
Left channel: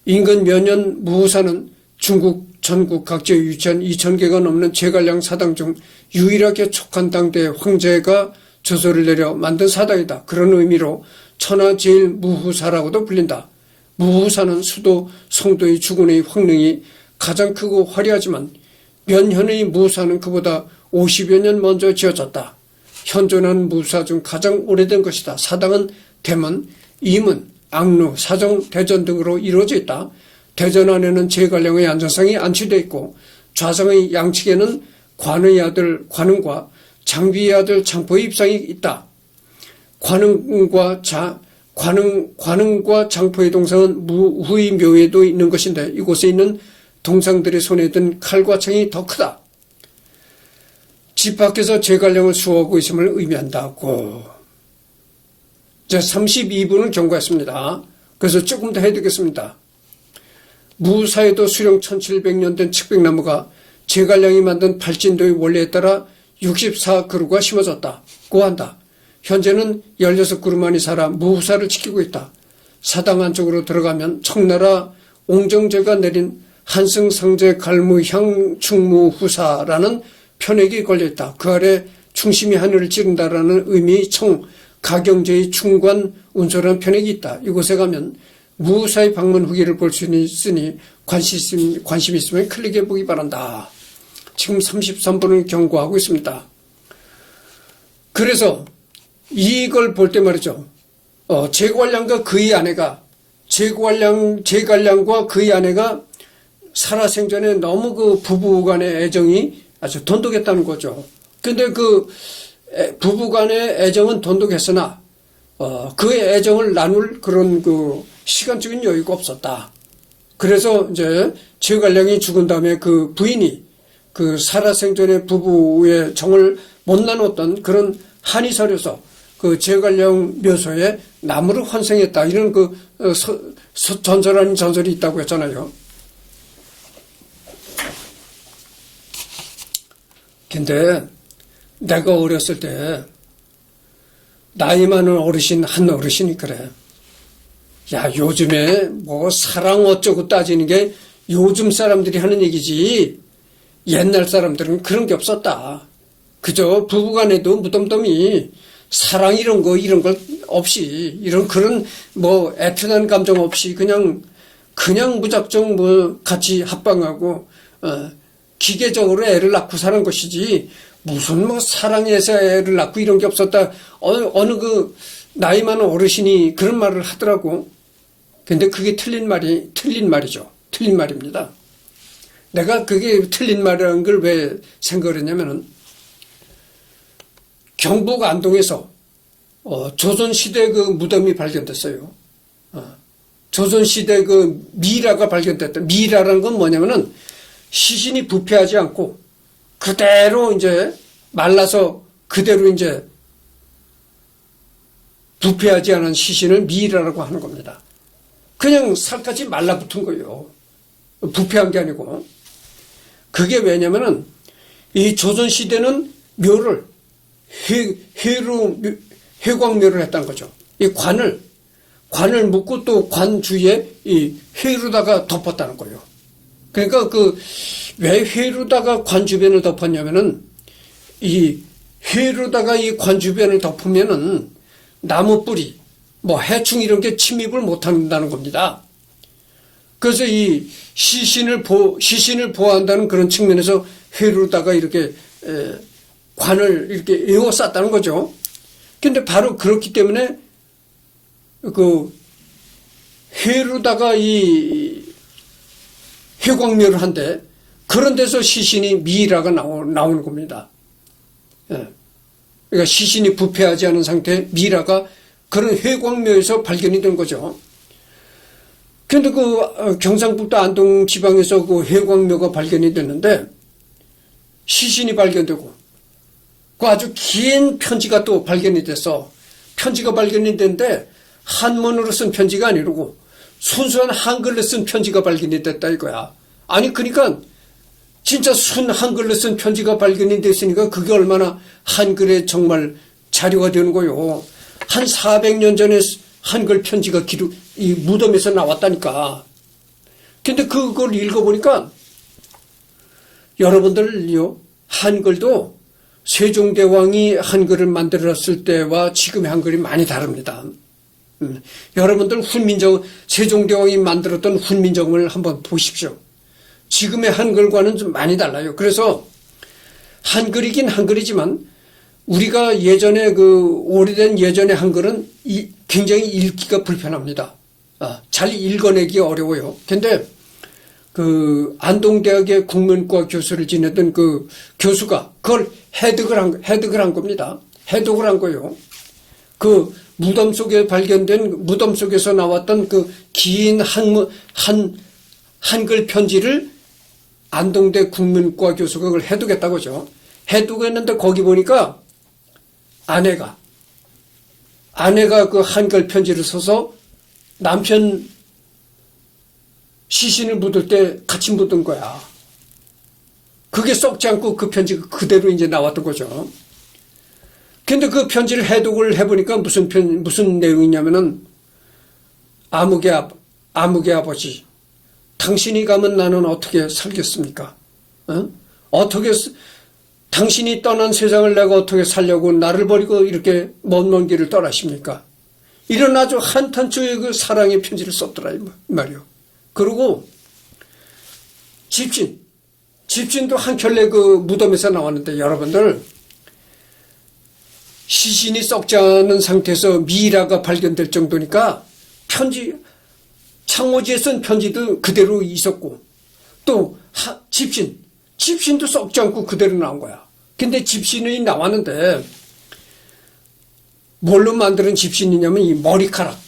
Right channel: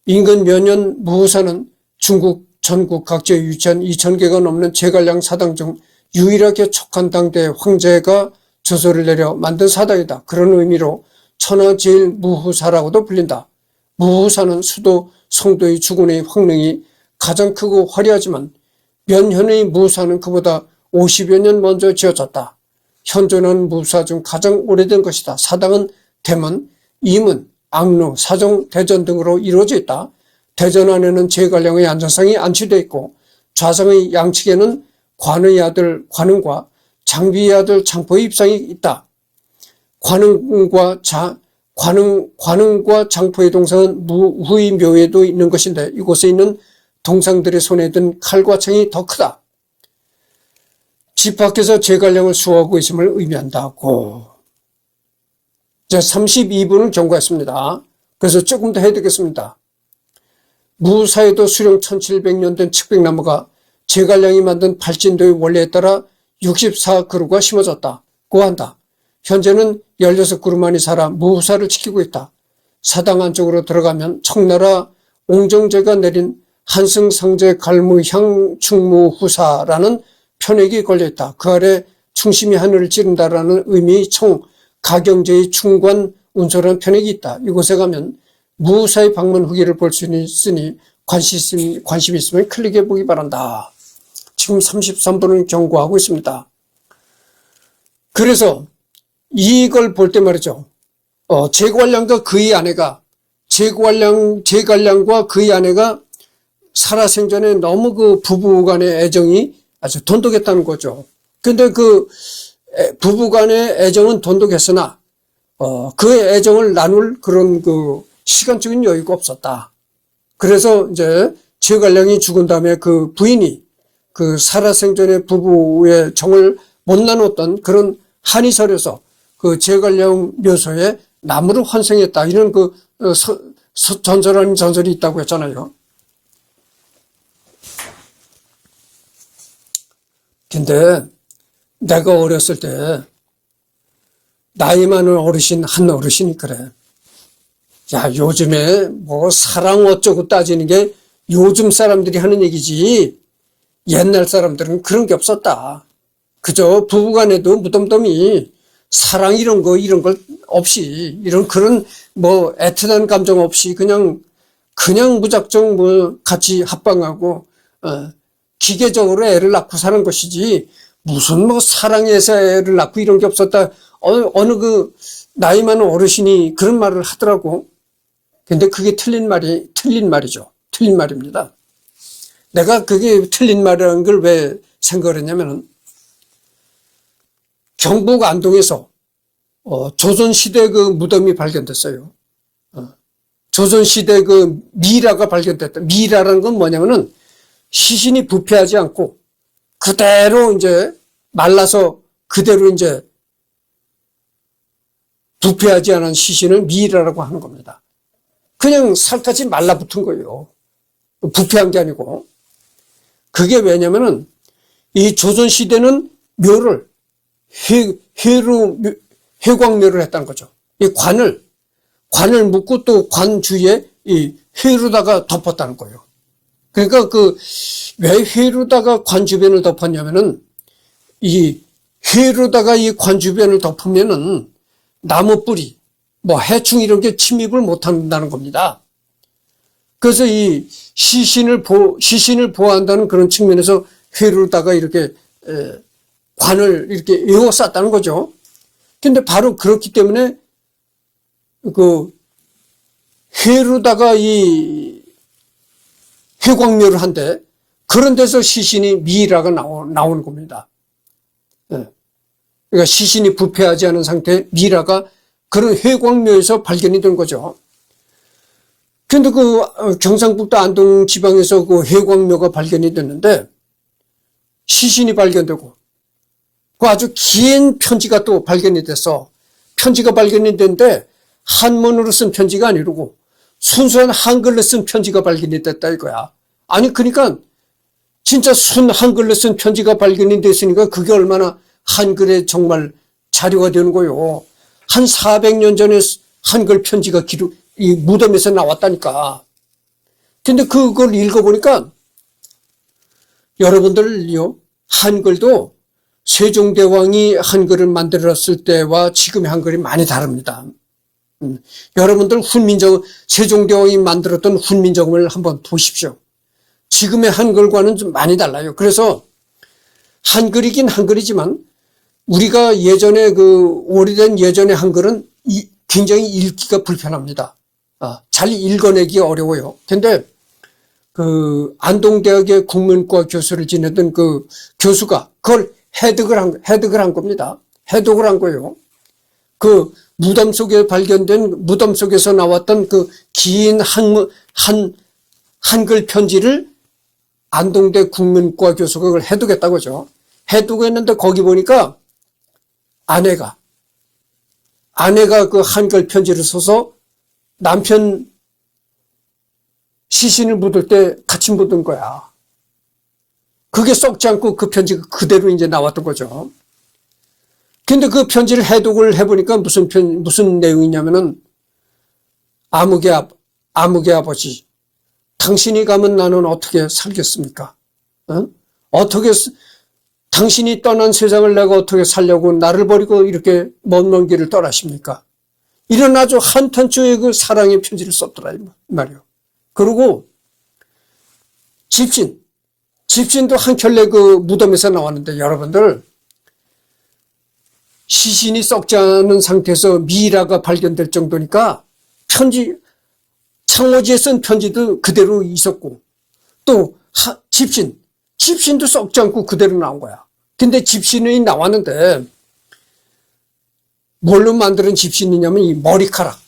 인근 몇 년 무후사는 중국 전국 각지에 위치한 2000개가 넘는 제갈량 사당 중 유일하게 촉한당대 황제가 저서를 내려 만든 사당이다. 그런 의미로 천하제일무후사라고도 불린다. 무후사는 수도 성도의 주군의 황릉이 가장 크고 화려하지만 면현의 무후사는 그보다 50여 년 먼저 지어졌다. 현존하는 무후사 중 가장 오래된 것이다. 사당은 대문, 이문, 악루, 사정, 대전 등으로 이루어져 있다. 대전 안에는 제갈량의 안전상이 안치되어 있고 좌상의 양측에는 관의 아들 관흥과 장비의 아들 장포의 입상이 있다. 관흥과 장포의 동상은 무후의 묘에도 있는 것인데 이곳에 있는 동상들의 손에 든 칼과 창이 더 크다. 집 밖에서 제갈량을 수호하고 있음을 의미한다고. 자, 32분을 경고했습니다. 그래서 조금 더 해드리겠습니다. 무사에도 수령 1700년 된 측백나무가 제갈량이 만든 발진도의 원리에 따라 64그루가 심어졌다고 한다. 현재는 16그루만이 살아 무후사를 지키고 있다. 사당 안쪽으로 들어가면 청나라 옹정제가 내린 한승상제 갈무향 충무후사라는 편액이 걸려있다. 그 아래 충심이 하늘을 찌른다라는 의미의 청, 가경제의 충관 운소라는 편액이 있다. 이곳에 가면 무후사의 방문 후기를 볼 수 있으니 관심 있으면 클릭해 보기 바란다. 지금 33분을 경고하고 있습니다. 그래서 이걸 볼 때 말이죠. 제갈량과 그의 아내가 제갈량과 그의 아내가 살아생전에 너무 그 부부간의 애정이 아주 돈독했다는 거죠. 근데 그 부부간의 애정은 돈독했으나 그 애정을 나눌 그런 그 시간적인 여유가 없었다. 그래서 이제 제갈량이 죽은 다음에 그 부인이 그 살아생전에 부부의 정을 못 나눴던 그런 한이 서려서 그 제갈량 묘소에 나무를 환생했다. 이런 그 전설 아닌 전설이 있다고 했잖아요. 근데 내가 어렸을 때 나이 많은 어르신 한 어르신이 그래. 야, 요즘에 뭐 사랑 어쩌고 따지는 게 요즘 사람들이 하는 얘기지 옛날 사람들은 그런 게 없었다. 그저 부부간에도 무덤덤이 사랑 이런 걸 없이 이런 그런 뭐 애틋한 감정 없이 그냥 무작정 뭐 같이 합방하고 기계적으로 애를 낳고 사는 것이지 무슨 뭐 사랑해서 애를 낳고 이런 게 없었다. 어느 그 나이 많은 어르신이 그런 말을 하더라고. 근데 그게 틀린 말이죠. 틀린 말입니다. 내가 그게 틀린 말이라는 걸 왜 생각을 했냐면은 경북 안동에서 조선시대 그 무덤이 발견됐어요. 조선시대 그 미라가 발견됐다. 미라라는 건 뭐냐면은 시신이 부패하지 않고 그대로 이제 말라서 그대로 이제 부패하지 않은 시신을 미라라고 하는 겁니다. 그냥 살갗이 말라붙은 거예요. 부패한 게 아니고. 그게 왜냐면은 이 조선시대는 묘를 회광묘를 했다는 거죠. 이 관을 묶고 또 관 주위에 이 회로다가 덮었다는 거예요. 그러니까 왜 회로다가 관 주변을 덮었냐면은 이 회로다가 이 관 주변을 덮으면은 나무 뿌리, 뭐 해충 이런 게 침입을 못 한다는 겁니다. 그래서 이 시신을 보호한다는 그런 측면에서 회로다가 이렇게 관을 이렇게 에워쌌다는 거죠. 근데 바로 그렇기 때문에 그 회로다가 이 회광묘를 한데 그런 데서 시신이 미라가 나오는 겁니다. 그러니까 시신이 부패하지 않은 상태의 미라가 그런 회광묘에서 발견이 된 거죠. 근데 경상북도 안동 지방에서 그 회광묘가 발견이 됐는데 시신이 발견되고 그 아주 긴 편지가 또 발견이 돼서 편지가 발견이 됐는데 한문으로 쓴 편지가 아니고 순수한 한글로 쓴 편지가 발견이 됐다 이거야. 아니 그러니까 진짜 순 한글로 쓴 편지가 발견이 됐으니까 그게 얼마나 한글에 정말 자료가 되는 거요. 한 400년 전에 한글 편지가 이 무덤에서 나왔다니까. 근데 그걸 읽어보니까 여러분들요, 한글도 세종대왕이 한글을 만들었을 때와 지금의 한글이 많이 다릅니다. 여러분들 세종대왕이 만들었던 훈민정음을 한번 보십시오. 지금의 한글과는 좀 많이 달라요. 그래서 한글이긴 한글이지만 우리가 예전에 오래된 예전의 한글은 굉장히 읽기가 불편합니다. 잘 읽어내기 어려워요. 근데 안동대학의 국문과 교수를 지내던 그 교수가 그걸 해독을 한 겁니다. 해독을 한 거예요. 그 무덤 속에서 나왔던 그 긴 한글 편지를 안동대 국문과 교수가 그걸 해독했다고 하죠. 해독했는데 거기 보니까 아내가 그 한글 편지를 써서 남편 시신을 묻을 때 같이 묻은 거야. 그게 썩지 않고 그 편지가 그대로 이제 나왔던 거죠. 근데 그 편지를 해독을 해보니까 무슨 내용이냐면은 아무개 아버지, 당신이 가면 나는 어떻게 살겠습니까? 어떻게 당신이 떠난 세상을 내가 어떻게 살려고 나를 버리고 이렇게 먼 길을 떠나십니까? 이런 아주 한탄초의 그 사랑의 편지를 썼더라 이 말이요. 그리고 집신도 한 켤레 그 무덤에서 나왔는데 여러분들 시신이 썩지 않은 상태에서 미라가 발견될 정도니까 창호지에 쓴 편지도 그대로 있었고 또 집신도 썩지 않고 그대로 나온 거야. 근데 집신이 나왔는데 뭘로 만드는 집신이냐면 이 머리카락,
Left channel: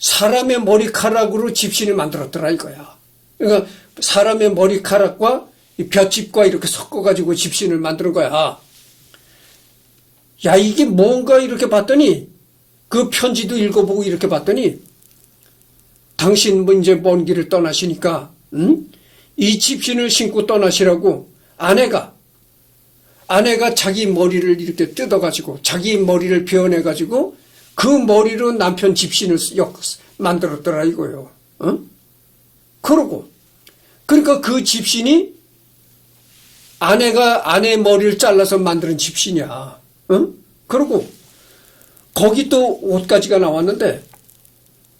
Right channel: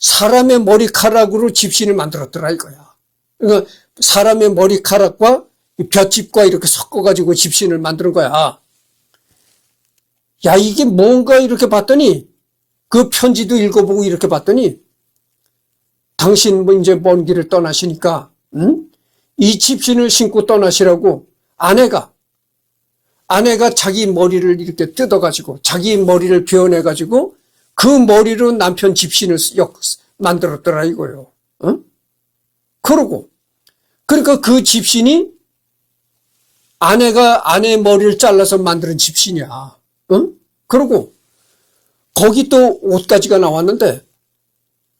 사람의 머리카락으로 집신을 만들었더라 이거야. 그러니까 사람의 머리카락과 이 볏짚과 이렇게 섞어가지고 집신을 만드는 거야. 야, 이게 뭔가 이렇게 봤더니 그 편지도 읽어보고 이렇게 봤더니 당신 뭐 이제 먼 길을 떠나시니까 이 집신을 신고 떠나시라고 아내가 자기 머리를 이렇게 뜯어가지고 자기 머리를 베어내가지고 그 머리로 남편 집신을 만들었더라 이거예요. 그러니까 그 집신이 아내가 아내 머리를 잘라서 만드는 집신이야. 그리고 거기 또 옷가지가 나왔는데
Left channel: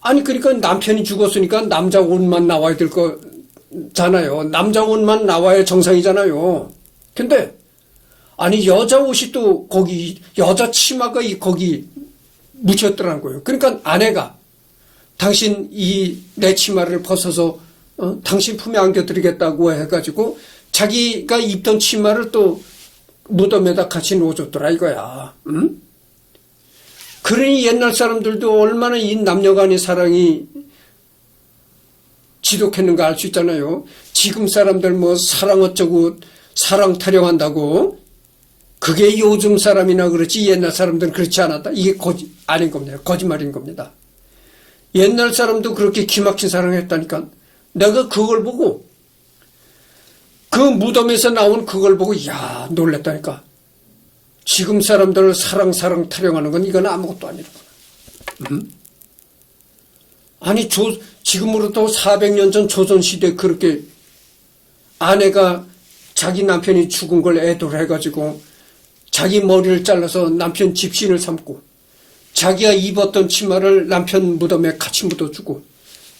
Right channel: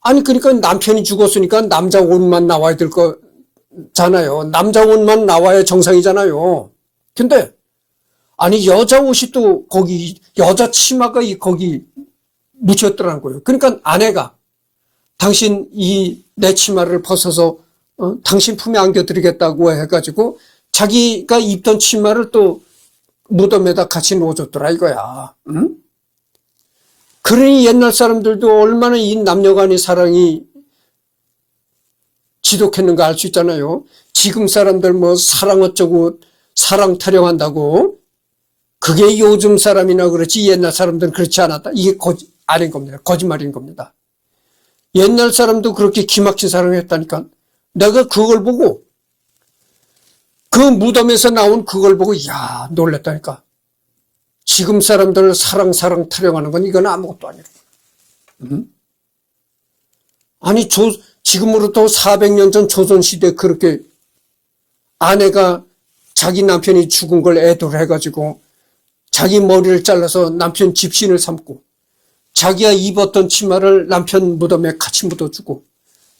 아니 그러니까 남편이 죽었으니까 남자 옷만 나와야 될 거잖아요. 남자 옷만 나와야 정상이잖아요. 근데 아니 여자 옷이 또 거기 여자 치마가 거기 묻혔더라는 거예요. 그러니까 아내가 당신 내 치마를 벗어서 당신 품에 안겨드리겠다고 해가지고 자기가 입던 치마를 또 무덤에다 같이 놓아줬더라 이거야. 그러니 옛날 사람들도 얼마나 이 남녀 간의 사랑이 지독했는가 알 수 있잖아요. 지금 사람들 뭐 사랑 어쩌고 사랑 타령한다고 그게 요즘 사람이나 그렇지 옛날 사람들은 그렇지 않았다. 이게 아닌 겁니다. 거짓말인 겁니다. 옛날 사람도 그렇게 기막힌 사랑을 했다니까. 내가 그걸 보고 그 무덤에서 나온 그걸 보고 야 놀랬다니까. 지금 사람들 사랑 타령하는 건 이건 아무것도 아니고. 아니 지금으로부터 400년 전 조선시대 그렇게 아내가 자기 남편이 죽은 걸 애도를 해가지고 자기 머리를 잘라서 남편 집신을 삼고 자기가 입었던 치마를 남편 무덤에 같이 묻어주고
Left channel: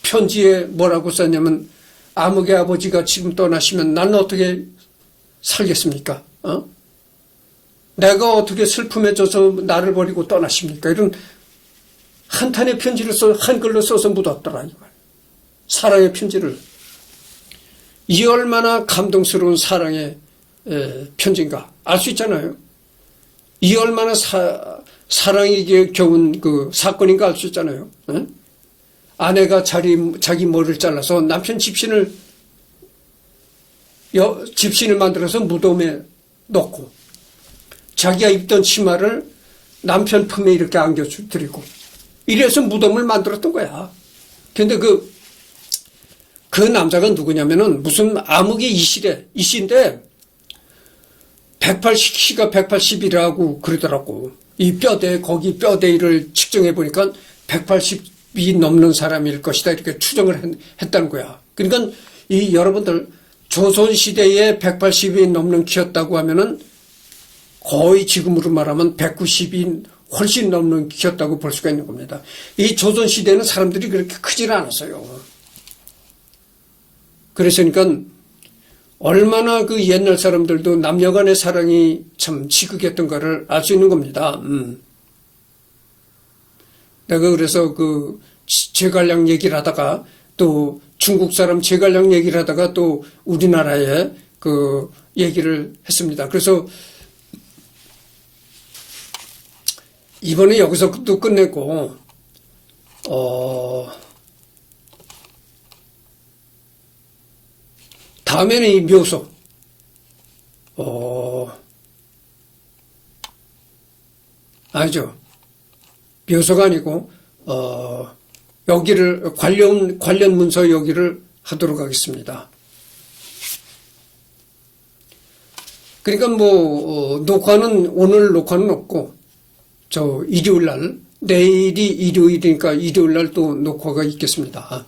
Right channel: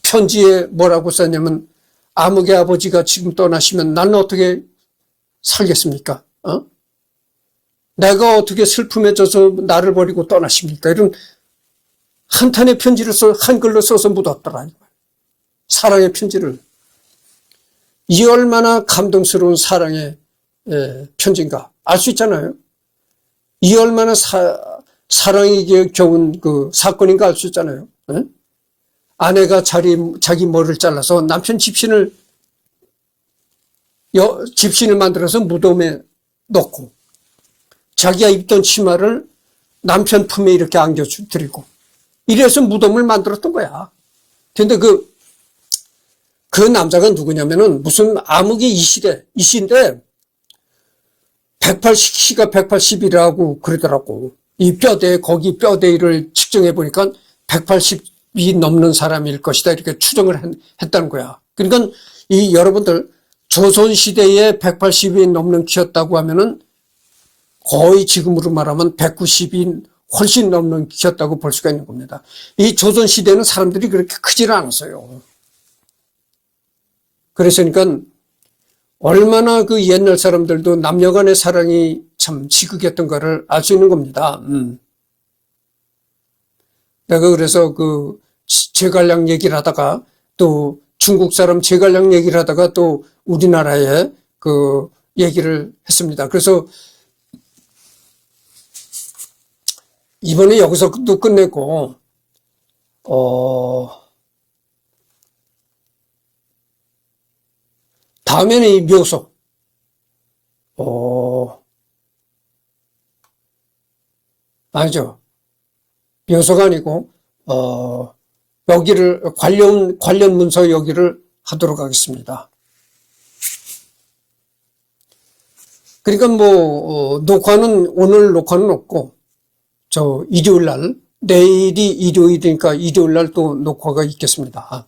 편지에 뭐라고 썼냐면 아무개 아버지가 지금 떠나시면 나는 어떻게 살겠습니까? 내가 어떻게 슬픔에 져서 나를 버리고 떠나십니까? 이런 한탄의 편지를 한글로 써서 묻었더라. 사랑의 편지를. 이 얼마나 감동스러운 사랑의 편지인가 알 수 있잖아요. 이 얼마나 사랑이 겨운 그 사건인가 알 수 있잖아요. 아내가 자기 머리를 잘라서 남편 집신을 만들어서 무덤에 넣고 자기가 입던 치마를 남편 품에 이렇게 안겨드리고 이래서 무덤을 만들었던 거야. 근데 그 남자가 누구냐면은 무슨 암흑의 이시인데 180, 키가 180이라고 그러더라고. 이 거기 뼈대를 측정해 보니까 180이 넘는 사람일 것이다. 이렇게 추정을 했다는 거야. 그러니까 여러분들 조선시대에 180이 넘는 키였다고 하면은 거의 지금으로 말하면 190이 훨씬 넘는 키였다고 볼 수가 있는 겁니다. 이 조선시대는 사람들이 그렇게 크지는 않았어요. 그래서니까 얼마나 그 옛날 사람들도 남녀 간의 사랑이 참 지극했던가를 알 수 있는 겁니다. 내가 그래서 그 제갈량 얘기를 하다가 또 중국 사람 제갈량 얘기를 하다가 또 우리나라의 그 얘기를 했습니다. 그래서 이번에 여기서도 끝내고, 다음에는 이 묘소, 아니죠. 묘소가 아니고, 여기를, 관련 문서 여기를 하도록 하겠습니다. 그러니까 오늘 녹화는 없고, 일요일 날, 내일이 일요일이니까 일요일 날 또 녹화가 있겠습니다.